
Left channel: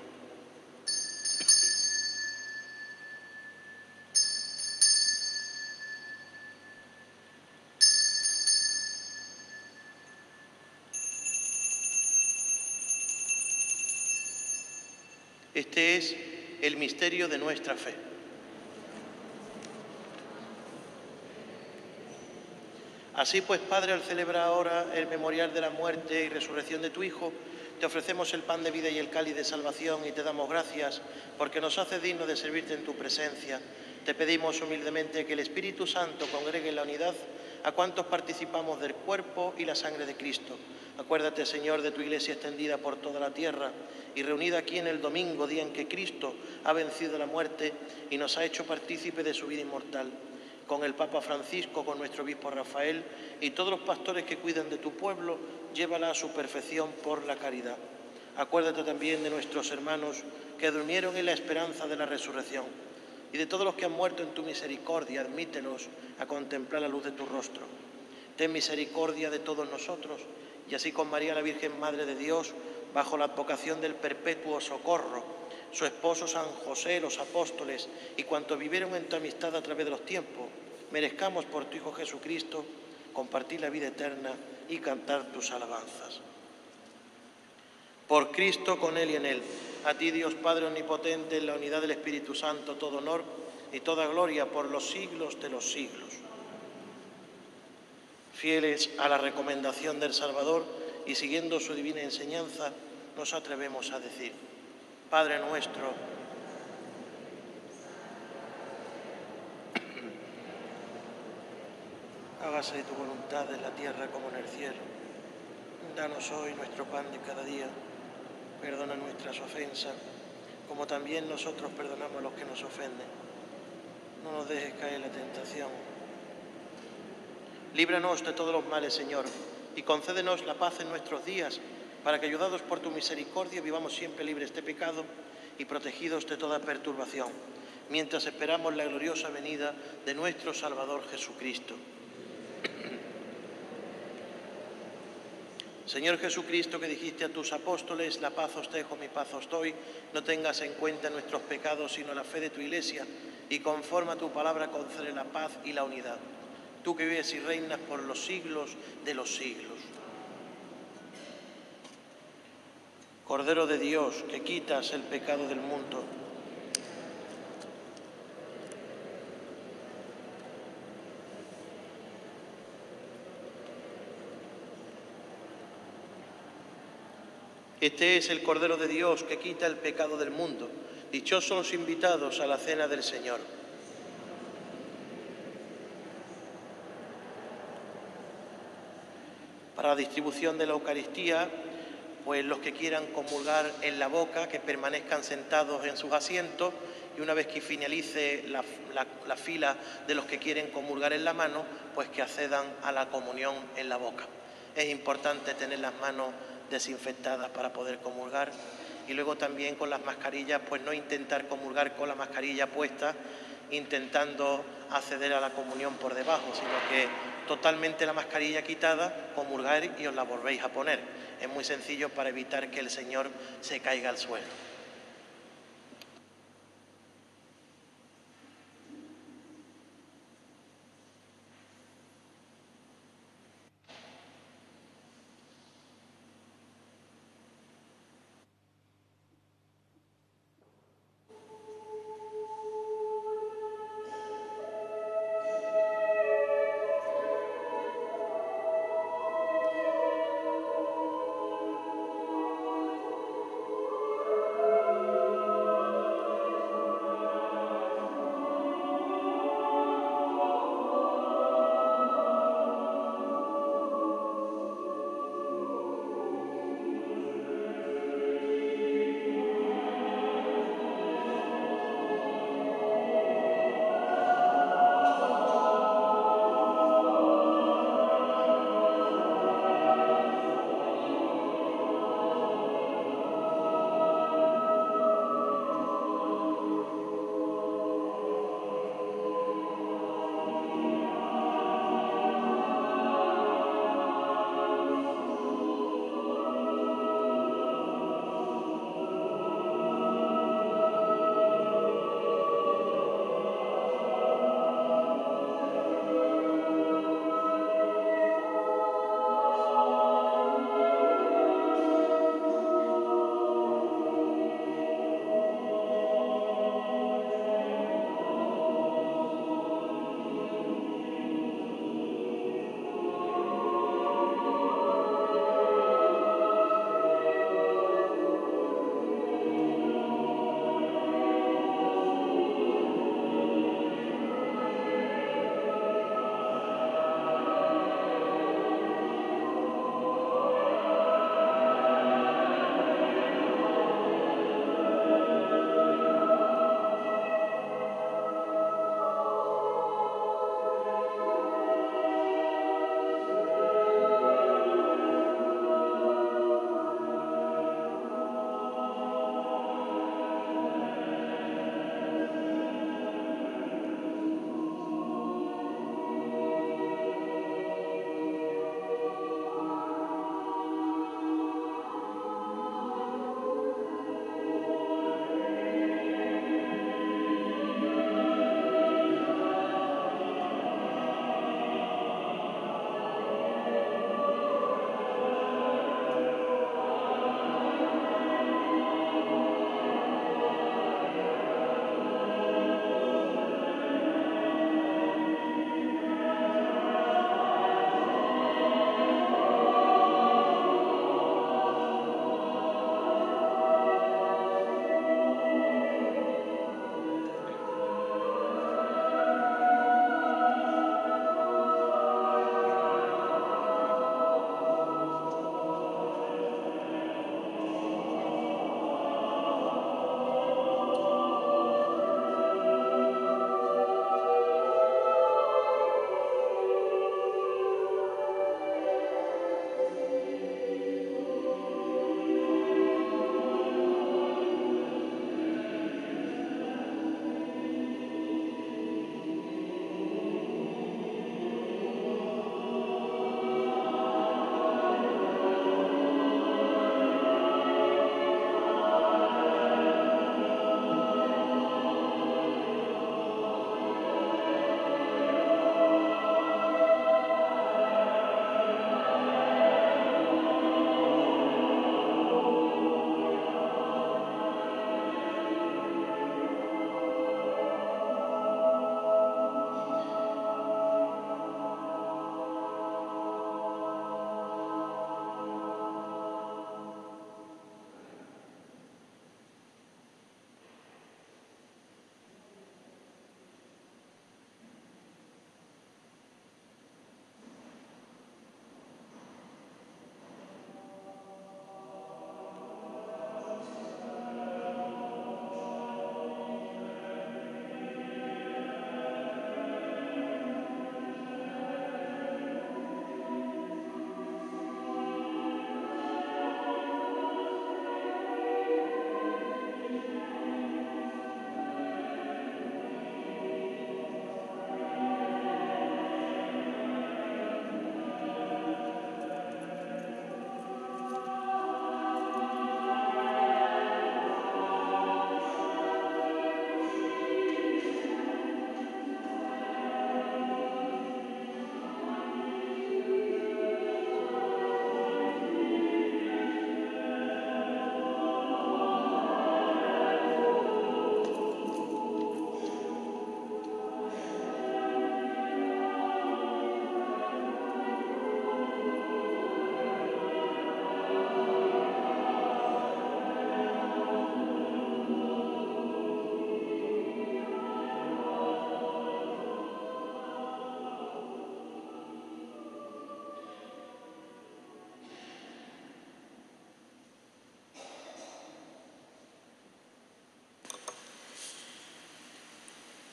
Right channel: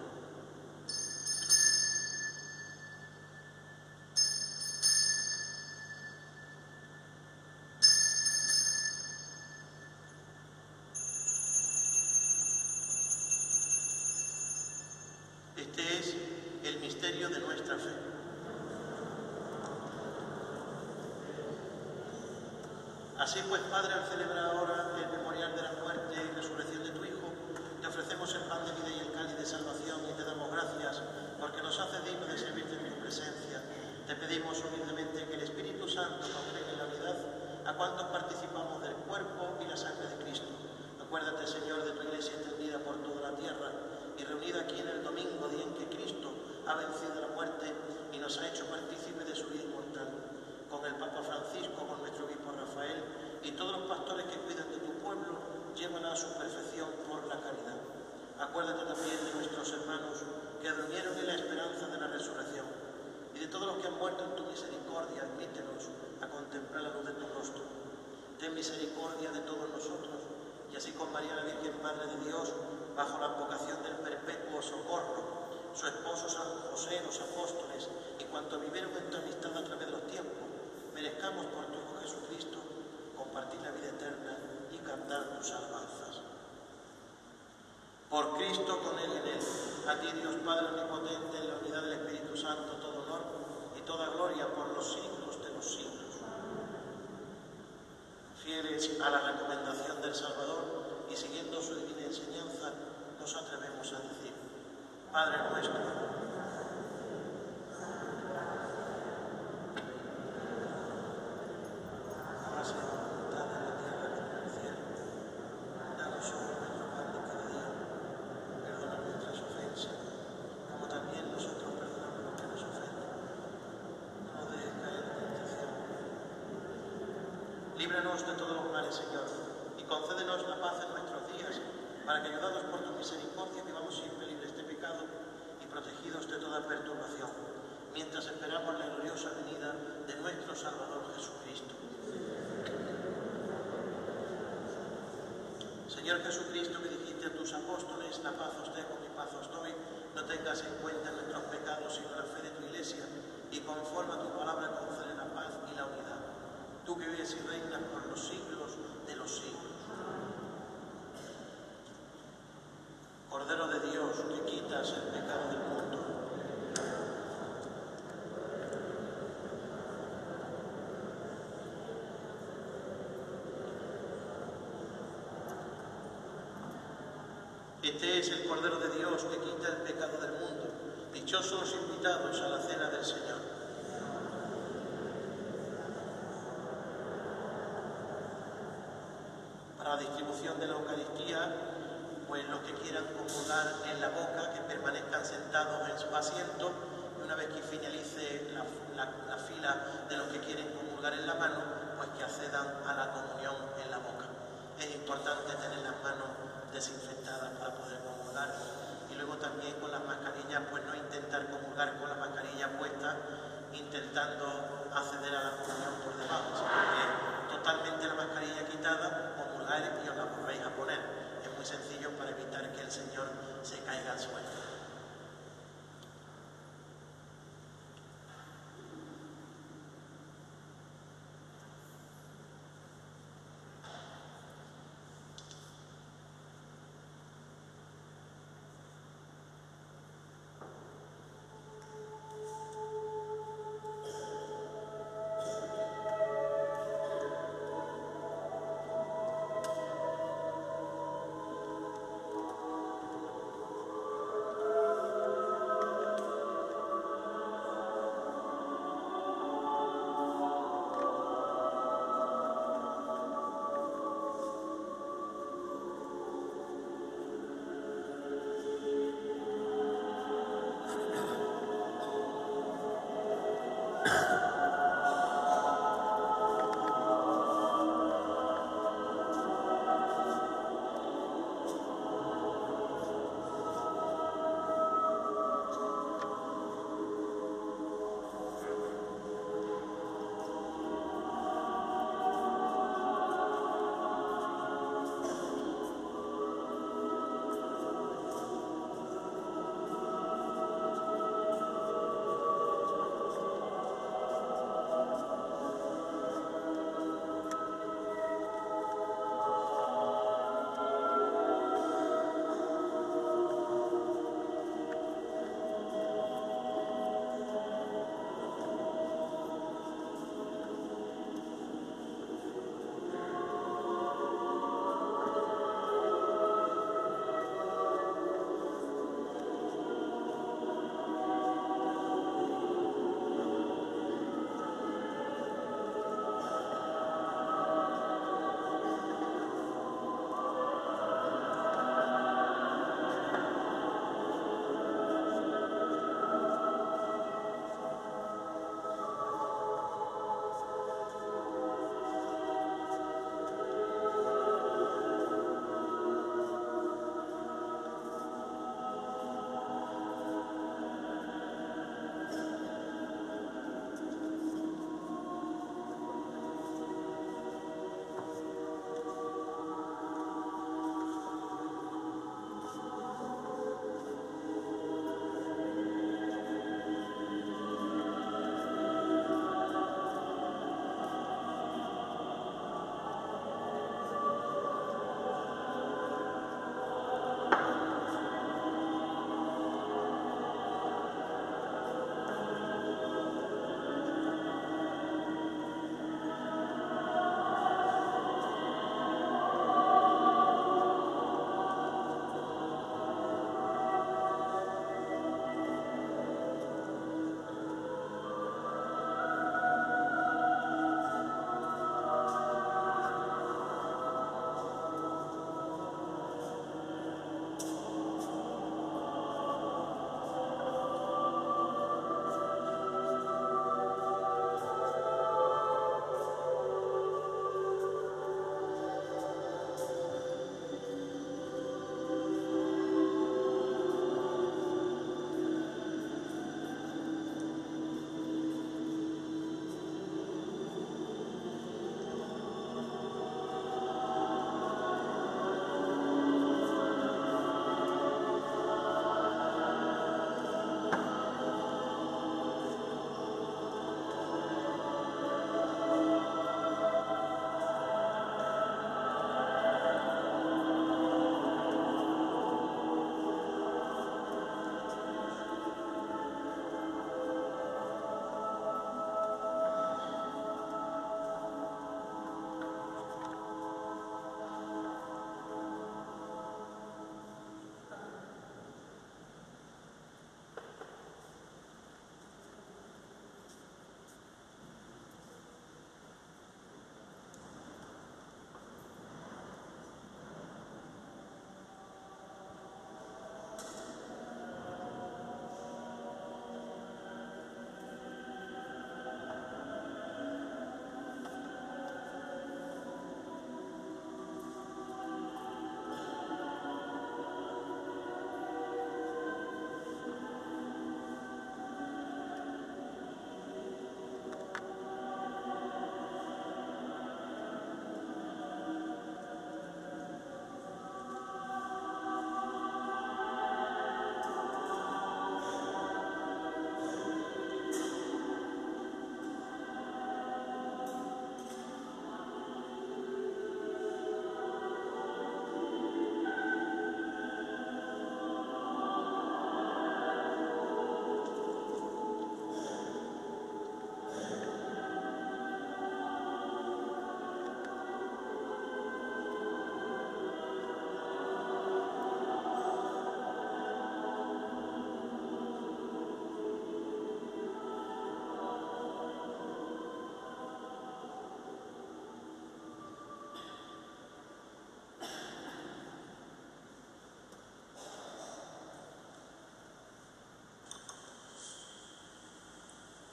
Este es el misterio de nuestra fe. Así pues, Padre, al celebrar ahora el memorial de la muerte y resurrección de tu Hijo, te ofrecemos el pan de vida y el cáliz de salvación y te damos gracias porque nos haces dignos de servirte en tu presencia. Te pedimos humildemente que el Espíritu Santo congregue en la unidad a cuantos participamos del cuerpo y la sangre de Cristo. Acuérdate, Señor, de tu Iglesia extendida por toda la tierra y reunida aquí en el domingo, día en que Cristo ha vencido la muerte y nos ha hecho partícipe de su vida inmortal. Con el Papa Francisco, con nuestro obispo Rafael y todos los pastores que cuidan de tu pueblo, llévala a su perfección por la caridad. Acuérdate también de nuestros hermanos que durmieron en la esperanza de la resurrección y de todos los que han muerto en tu misericordia, admítelos a contemplar la luz de tu rostro. Ten misericordia de todos nosotros y así con María la Virgen Madre de Dios, bajo la advocación del perpetuo socorro, su esposo San José, los apóstoles y cuantos vivieron en tu amistad a través de los tiempos, merezcamos por tu Hijo Jesucristo compartir la vida eterna y cantar tus alabanzas. Por Cristo, con Él y en Él, a ti Dios Padre Omnipotente, en la unidad del Espíritu Santo, todo honor y toda gloria por los siglos de los siglos. Fieles a la recomendación del Salvador y siguiendo su divina enseñanza, nos atrevemos a decir: Padre nuestro, hágase tu voluntad en la tierra como en el cielo. Danos hoy nuestro pan de cada día. Perdona nuestras ofensas, como también nosotros perdonamos a los que nos ofenden. No nos dejes caer en la tentación. Líbranos de todos los males, Señor, y concédenos la paz en nuestros días, para que, ayudados por tu misericordia, vivamos siempre libres de pecado y protegidos de toda perturbación, mientras esperamos la gloriosa venida de nuestro Salvador Jesucristo. Señor Jesucristo, que dijiste a tus apóstoles: la paz os dejo, mi paz os doy, no tengas en cuenta nuestros pecados, sino la fe de tu Iglesia, y conforme a tu palabra concede la paz y la unidad. Tú que vives y reinas por los siglos de los siglos. Cordero de Dios, que quitas el pecado del mundo, este es el Cordero de Dios que quita el pecado del mundo. Dichosos los invitados a la cena del Señor. Para la distribución de la Eucaristía, pues los que quieran comulgar en la boca, que permanezcan sentados en sus asientos, y una vez que finalice la fila de los que quieren comulgar en la mano, pues que accedan a la comunión en la boca. Es importante tener las manos desinfectadas para poder comulgar, y luego también con las mascarillas, pues no intentar comulgar con la mascarilla puesta, intentando acceder a la comunión por debajo, sino que totalmente la mascarilla quitada, comulgar y os la volvéis a poner. Es muy sencillo para evitar que el Señor se caiga al suelo.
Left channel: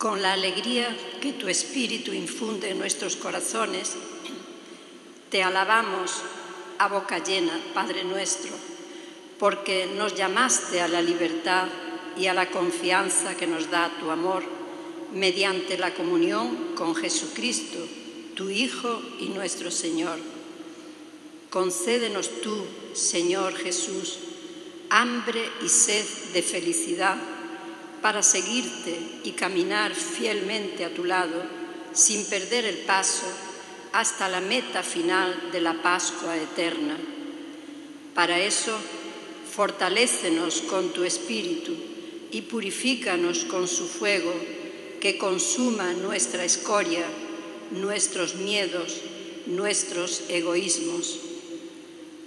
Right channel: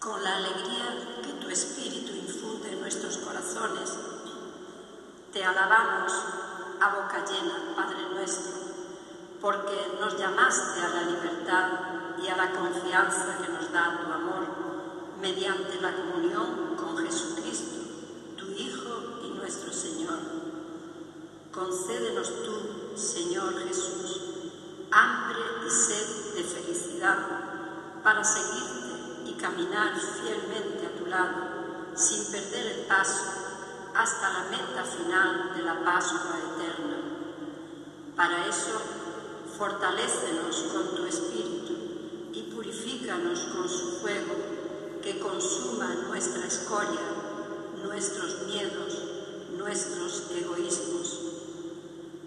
Con la alegría que tu Espíritu infunde en nuestros corazones, te alabamos a boca llena, Padre nuestro, porque nos llamaste a la libertad y a la confianza que nos da tu amor, mediante la comunión con Jesucristo, tu Hijo y nuestro Señor. Concédenos tú, Señor Jesús, hambre y sed de felicidad para seguirte y caminar fielmente a tu lado sin perder el paso hasta la meta final de la Pascua eterna. Para eso, fortalécenos con tu Espíritu y purifícanos con su fuego que consuma nuestra escoria, nuestros miedos, nuestros egoísmos.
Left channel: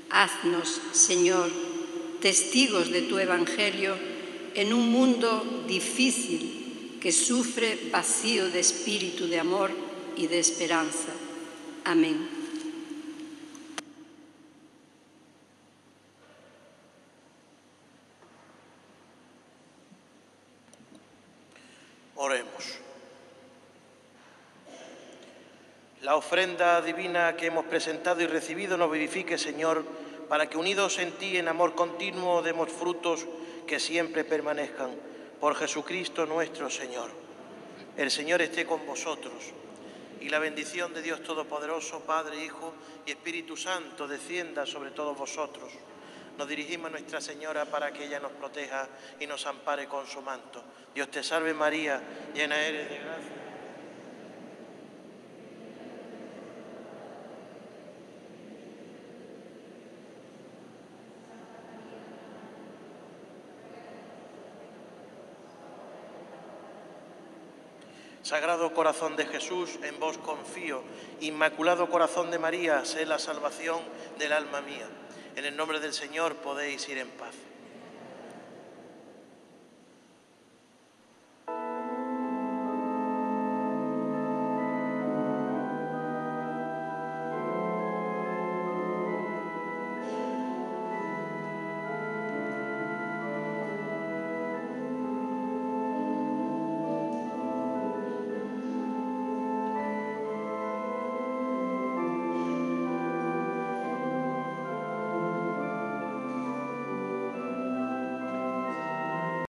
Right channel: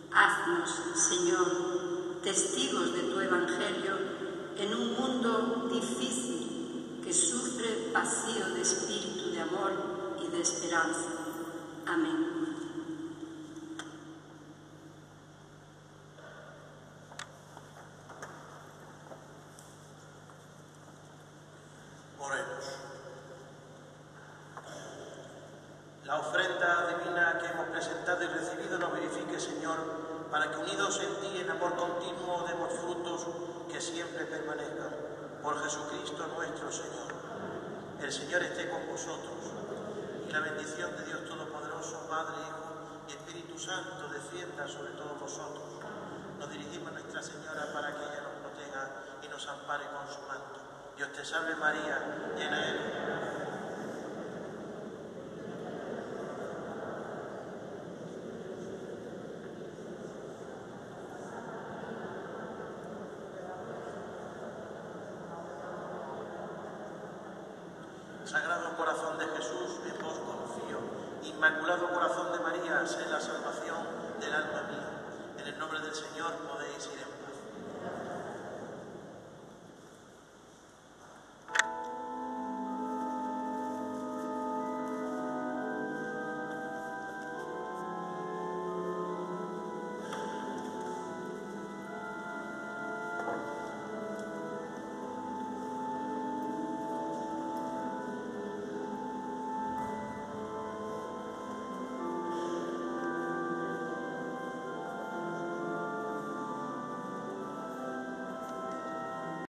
Haznos, Señor, testigos de tu Evangelio en un mundo difícil que sufre vacío de espíritu de amor y de esperanza. Amén. Oremos. La ofrenda divina que hemos presentado y recibido nos vivifique, Señor, para que unidos en ti en amor continuo demos frutos que siempre permanezcan. Por Jesucristo nuestro Señor. El Señor esté con vosotros. Y la bendición de Dios Todopoderoso, Padre, Hijo y Espíritu Santo, descienda sobre todos vosotros. Nos dirigimos a Nuestra Señora para que ella nos proteja y nos ampare con su manto. Dios te salve María, llena eres de gracia. Sagrado Corazón de Jesús, en vos confío. Inmaculado Corazón de María, sé la salvación del alma mía. En el nombre del Señor podéis ir en paz.